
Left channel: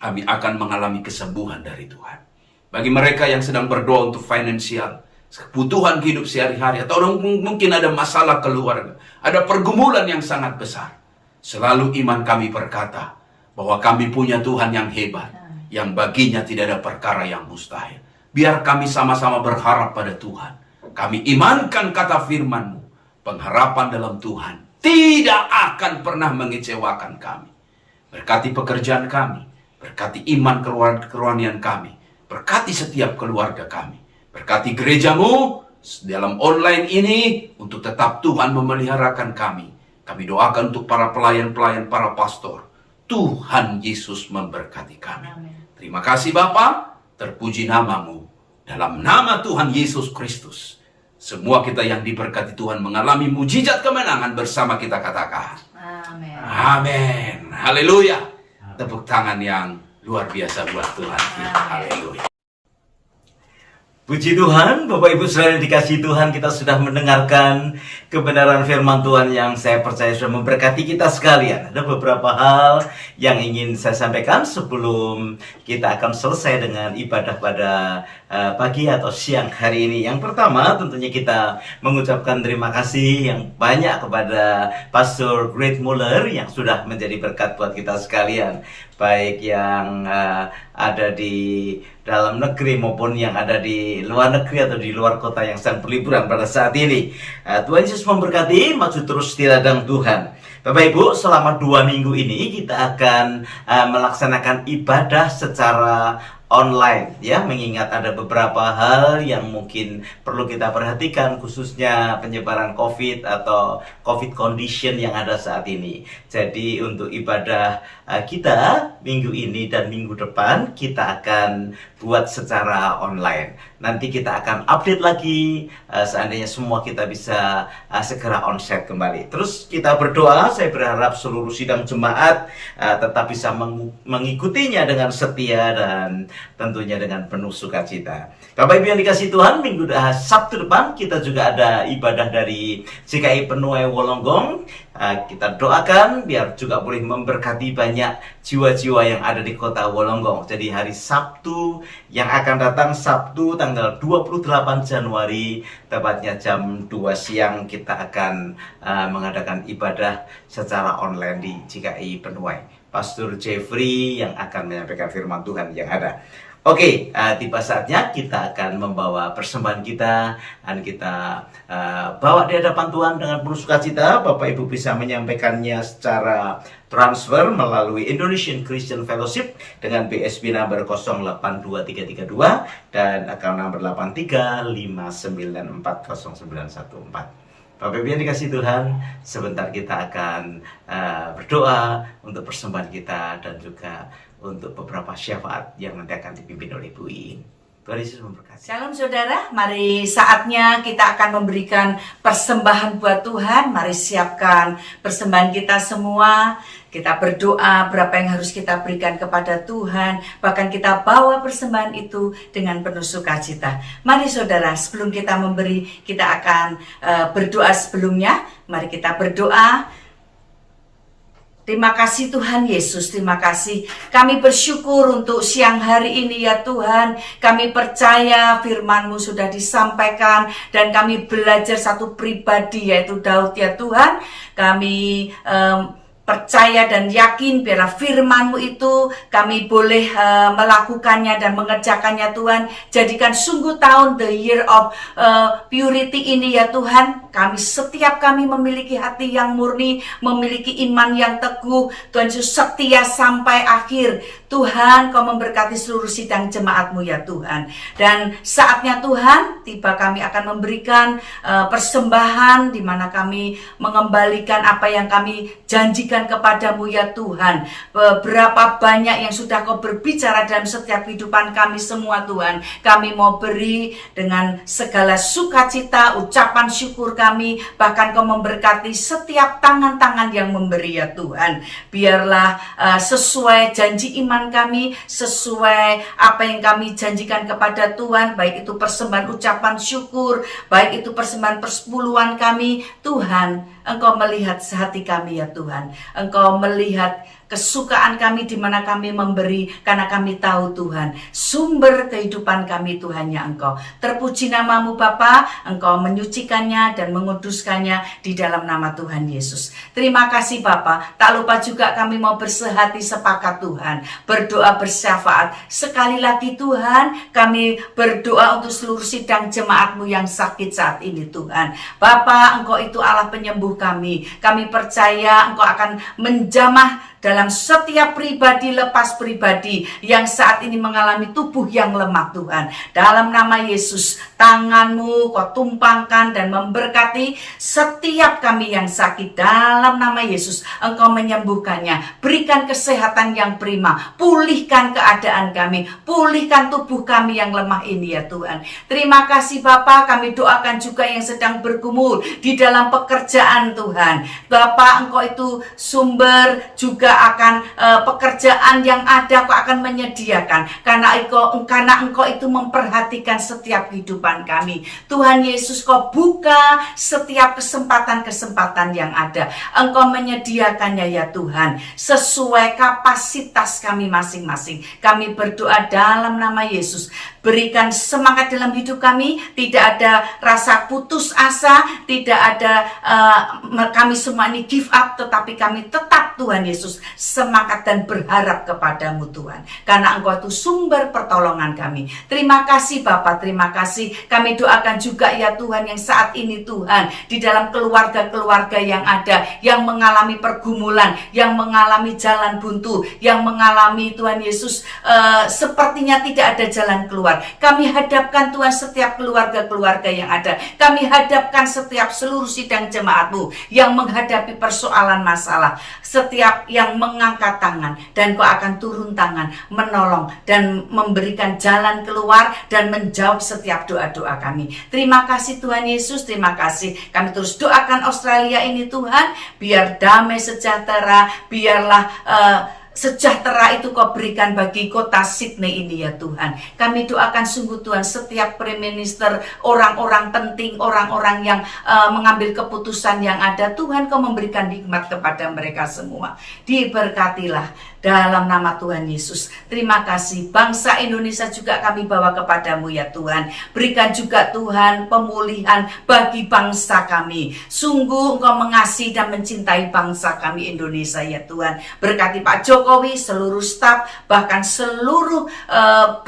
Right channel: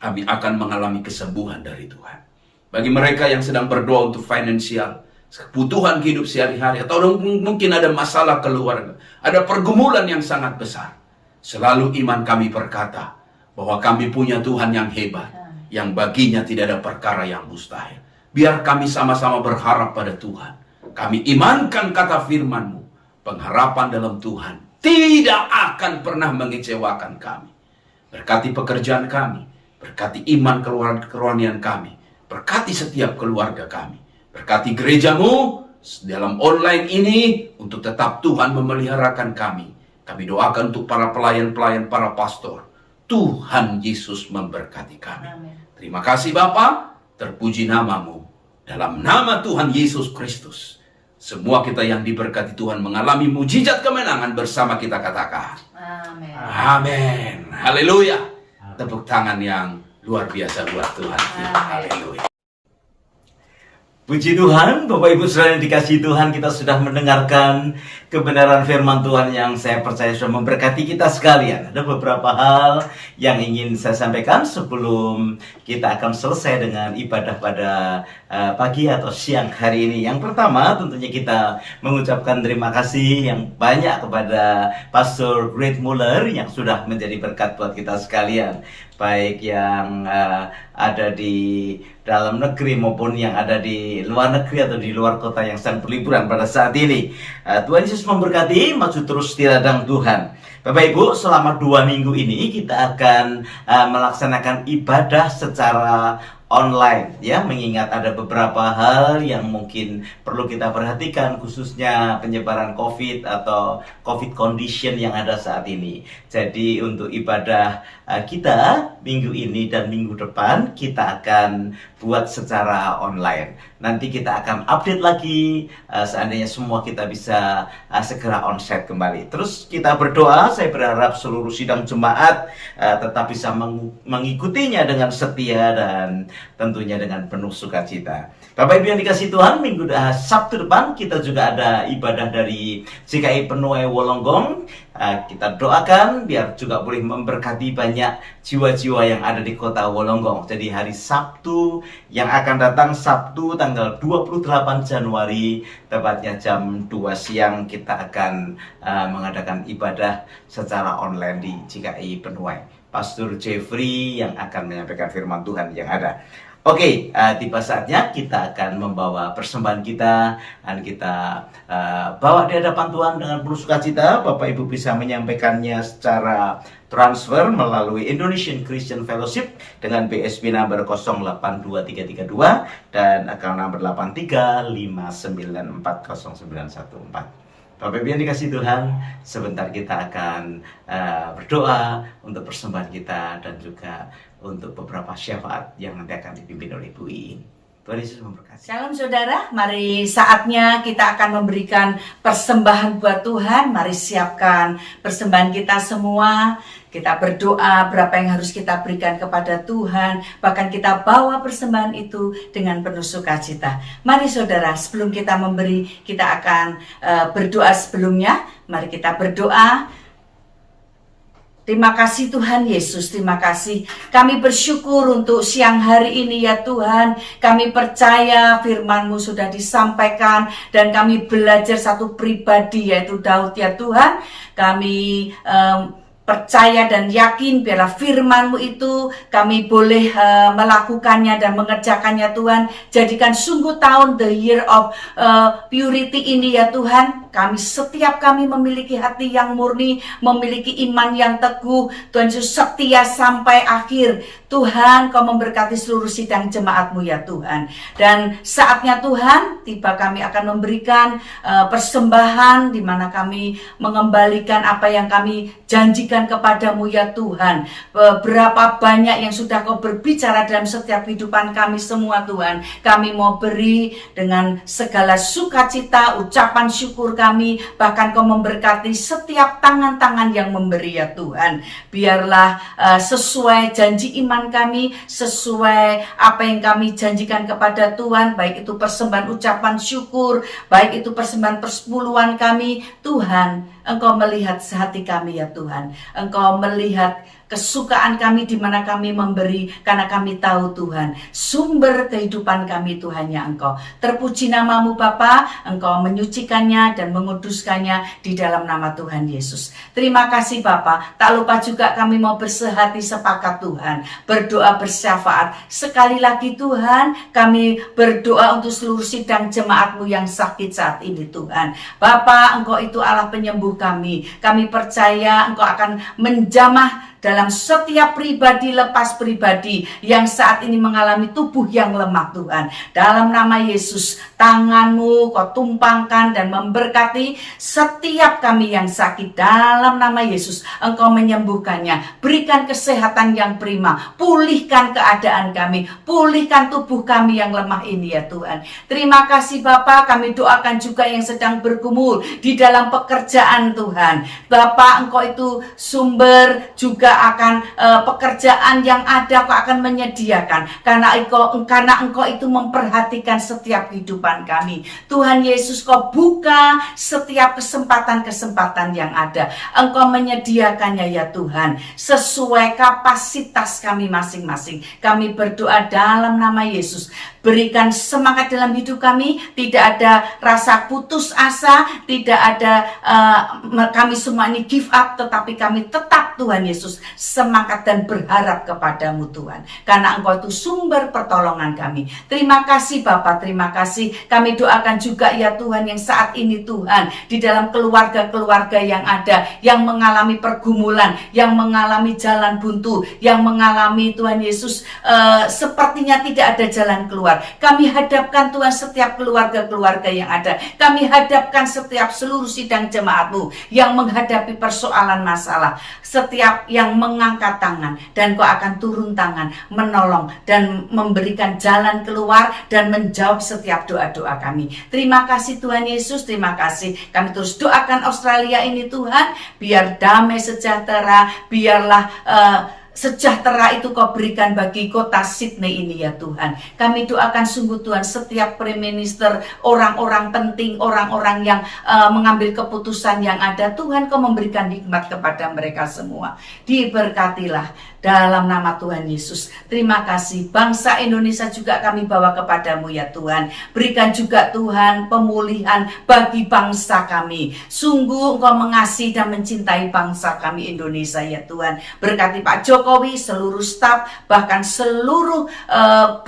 kami akan mengalami kesembuhan dari Tuhan. Bagi mereka yang sedang berdoa untuk finansial, kebutuhan hidup sehari-hari, atau mungkin ada masalah keluarga, ada pergumulan yang sangat besar. Selalu iman kami berkata bahwa kami punya Tuhan yang hebat, yang baginya tidak ada perkara yang mustahil. Biar kami sama-sama berharap pada Tuhan. Kami imankan kata firman-Mu. Pengharapan dalam Tuhan tidak akan pernah mengecewakan kami. Berkati pekerjaan kami. Berkati iman kerohanian kami. Berkati setiap keluarga kami. Berkati gereja-Mu dalam online ini untuk tetap Tuhan memeliharakan kami. Kami doakan untuk para pelayan-pelayan, para pastor. Tuhan Yesus memberkati kami. Terima kasih Bapa. Terpuji nama-Mu. Dalam nama Tuhan Yesus Kristus. Semua kita yang diberkati Tuhan mengalami mujizat kemenangan bersama kita katakan. Amin. Amin. Haleluya. Tepuk tangan yang luar biasa buat Tuhan kita. Haleluya. Puji Tuhan, Bapak Ibu Saudara yang dikasihi Tuhan, kita sudah mendengarkan kebenaran firman Tuhan yang saya percaya sudah memberkati kita sekalian. Ada beberapa hal yang ingin saya sampaikan sebelum kita akan selesai dengan ibadah pada pagi atau siang hari ini. Yang pertama, tentunya kita mengucapkan terima kasih yang banyak kepada Pastor Great Muller yang sudah menjadi berkat buat kita sekalian. baik yang ada di dalam negeri maupun yang ada di luar negeri atau di luar kota yang sedang berliburan pada saat ini. Tuhan Yesus memberkati, maju terus di ladang Tuhan. Bapak Ibu, selama 2 minggu ini kita akan melaksanakan ibadah secara online, ya, mengingat ada beberapa hal yang mungkin perlu kita perhatikan, khususnya penyebaran COVID atau COVID condition yang ada saat ini. Jadi untuk ibadah kita minggu ini dan minggu depan kita akan buat secara online. Nanti kita akan update lagi seandainya semua kita bisa segera onsite kembali. Terus kita berdoa, saya berharap seluruh sidang jemaat tetap bisa mengikutinya dengan setia dan tentunya dengan penuh sukacita. Bapak Ibu yang dikasihi Tuhan, Sabtu depan kita juga ada ibadah dari GKI Penuai Wolonggong. Kita doakan biar juga boleh memberkati banyak jiwa-jiwa yang ada di kota Wolonggong. Jadi hari Sabtu yang akan datang, Sabtu tanggal 28 Januari, tepatnya jam 2 siang, kita akan mengadakan ibadah secara online di GKI Penuai. Pastor Jeffrey yang akan menyampaikan firman Tuhan yang ada. Oke, tiba saatnya kita akan membawa persembahan kita dan kita bawa di hadapan Tuhan dengan penuh sukacita. Bapak Ibu bisa menyampaikannya secara transfer melalui Indonesian Christian Fellowship dengan BSB number 082332 dan account number 8359409114. Bapak Ibu yang dikasih Tuhan, sebentar kita akan berdoa untuk persembahan kita dan juga untuk beberapa syafaat yang nanti akan dipimpin oleh Bu Iin. Tuhan Yesus memberkati. Shalom saudara, mari saatnya kita akan memberikan persembahan buat Tuhan. Mari siapkan persembahan kita semua. Kita berdoa berapa yang harus kita berikan kepada Tuhan. Bahkan kita bawa persembahan itu dengan penuh sukacita. Mari saudara, sebelum kita memberi, kita akan berdoa sebelumnya. Mari kita berdoa. Terima kasih Tuhan Yesus, terima kasih. Kami bersyukur untuk siang hari ini ya Tuhan. Kami percaya firman-Mu sudah disampaikan dan kami belajar satu pribadi yaitu Daud ya Tuhan. Kami percaya dan yakin biarlah firman-Mu itu kami boleh melakukannya dan mengerjakannya Tuhan. Jadikan sungguh tahun the year of purity ini ya Tuhan. Setiap kami memiliki hati yang murni, memiliki iman yang teguh. Tuhan Yesus setia sampai akhir. Tuhan, Kau memberkati seluruh sidang jemaat-Mu ya Tuhan. Dan saatnya Tuhan, tiba kami akan memberikan persembahan di mana kami mengembalikan apa yang kami janjikan kepadamu ya Tuhan. Berapa banyak yang sudah Kau berbicara dalam setiap kehidupan kami semua Tuhan. Kami mau beri dengan segala sukacita, ucapan syukur kami. Bahkan Kau memberkati setiap tangan-tangan yang memberi ya Tuhan. Biarlah sesuai janji iman kami, sesuai apa yang kami janjikan kepada Tuhan, baik itu persembahan ucapan syukur, baik itu persembahan persepuluhan kami. Tuhan, Engkau melihat hati kami ya Tuhan. Engkau melihat kesukaan kami di mana kami memberi, karena kami tahu Tuhan, sumber kehidupan kami Tuhan ya Engkau. Terpuji namamu Bapa, Engkau menyucikannya dan menguduskannya di dalam nama Tuhan Yesus. Terima kasih Bapa. Tak lupa juga kami mau bersehati sepakat Tuhan, berdoa bersyafaat. Sekali lagi Tuhan, kami berdoa untuk seluruh sidang jemaat-Mu yang sakit saat ini Tuhan. Bapa, Engkau itu Allah penyembuh kami. Kami percaya Engkau akan menjamah dalam setiap pribadi lepas pribadi yang saat ini mengalami tubuh yang lemah Tuhan. Dalam nama Yesus, tangan-Mu Kau tumpangkan dan memberkati setiap kami yang sakit. Dalam nama Yesus, Engkau menyembuhkannya. Berikan kesehatan yang prima. Pulihkan keadaan kami. Pulihkan tubuh kami yang lemah ini ya Tuhan. Terima kasih Bapa. Kami doakan juga yang sedang bergumul di dalam pekerjaan Tuhan. Bapa, Engkau itu sumber juga akan pekerjaan yang ada Kau akan menyediakan, karena Engkau itu memperhatikan setiap kehidupan kami. Tuhan Yesus, Kau buka setiap kesempatan-kesempatan yang ada. Engkau menyediakannya ya Tuhan, sesuai kapasitas kami masing-masing. Kami berdoa dalam nama Yesus. Berikan semangat dalam hidup kami, tidak ada rasa putus asa, tidak ada kami semua ini give up, tetapi kami tetap Tuhan Yesus semangat dan berharap kepadamu Tuhan. Karena Engkau itu sumber pertolongan kami. Terima kasih Bapa, terima kasih. Kami doakan juga ya Tuhan yang saat ini Tuhan, di dalam keluarga-keluarga yang ada, yang mengalami pergumulan, yang mengalami jalan buntu, yang mengalami Tuhan Yesus sepertinya tidak ada jalan keluar. Kami hadapkan Tuhan setiap keluarga-keluarga yang ada. Kami hadapkan setiap seluruh sidang jemaat-Mu yang menghadapi persoalan masalah. Setiap yang mengangkat tangan, dan Kau akan turun tangan, menolong dan memberikan jalan keluar dan menjawab setiap doa-doa kami. Terima kasih Tuhan Yesus, terima kasih. Kami terus doakan Australia ini Tuhan, biar damai sejahtera, biarlah sejahtera itu Kau berikan bagi kota Sydney ini ya Tuhan. Kami doakan sungguh Tuhan setiap prime minister, orang-orang penting, orang-orang yang mengambil keputusan yang ada, Tuhan Kau memberikan hikmat kepada mereka semua. Diberkatilah dalam nama Tuhan Yesus. Terima kasih. Bangsa Indonesia juga kami bawa kepadamu ya Tuhan. Berikan juga Tuhan pemulihan bagi bangsa kami. Sungguh Engkau mengasihi dan mencintai bangsa kami Indonesia ya Tuhan. Berkati Pak Jokowi, seluruh staf, bahkan seluruh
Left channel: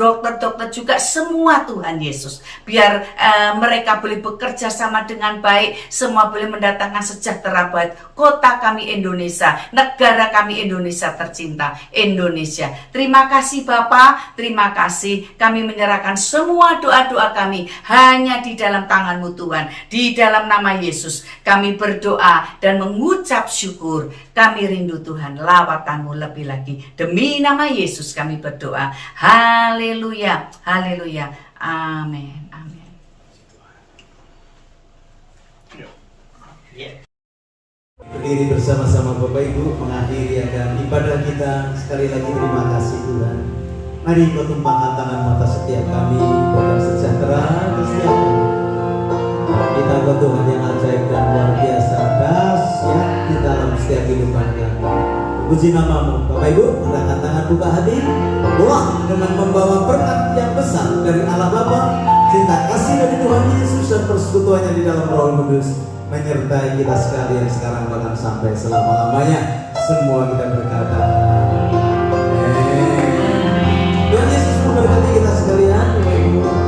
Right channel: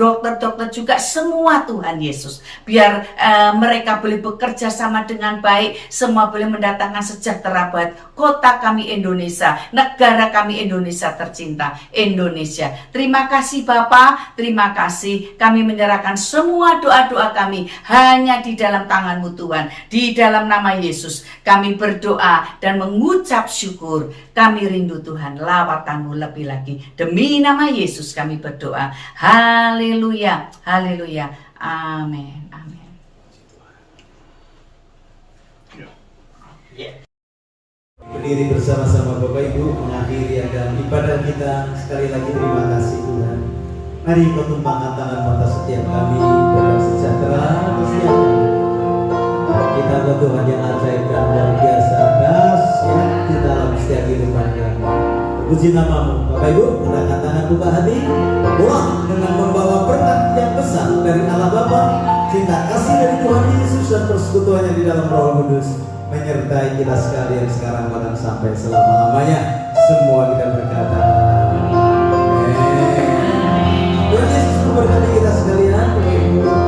dokter-dokter juga semua Tuhan Yesus. Biar mereka boleh bekerja sama dengan baik, semua boleh mendatangkan sejahtera buat kota kami Indonesia, negara kami Indonesia tercinta, Indonesia. Terima kasih Bapa, terima kasih. Kami menyerahkan semua doa-doa kami hanya di dalam tangan-Mu Tuhan. Di dalam nama Yesus kami berdoa dan mengucap syukur. Kami rindu Tuhan lawatan-Mu lebih lagi. Demi nama Yesus kami berdoa. Haleluya, haleluya, amin, amin. Berdiri bersama-sama Bapak Ibu mengakhiri akan ibadah kita. Sekali lagi terima kasih Tuhan. Mari Kau tumpahkan tangan-Mu atas setiap kami, Bapak sejahtera atas setiap kami. Kita ke Tuhan yang ajaib dan luar biasa, dahsyat di dalam setiap kehidupan kami. Puji nama-Mu Bapak Ibu, angkat tangan, buka hati, doa dengan membawa berkat yang besar dari Allah Bapa, cinta kasih dari Tuhan Yesus dan persekutuannya di dalam Roh Kudus menyertai kita sekalian sekarang bahkan sampai selama-lamanya. Semua kita berkata amin. Tuhan Yesus memberkati kita sekalian Bapak Ibu.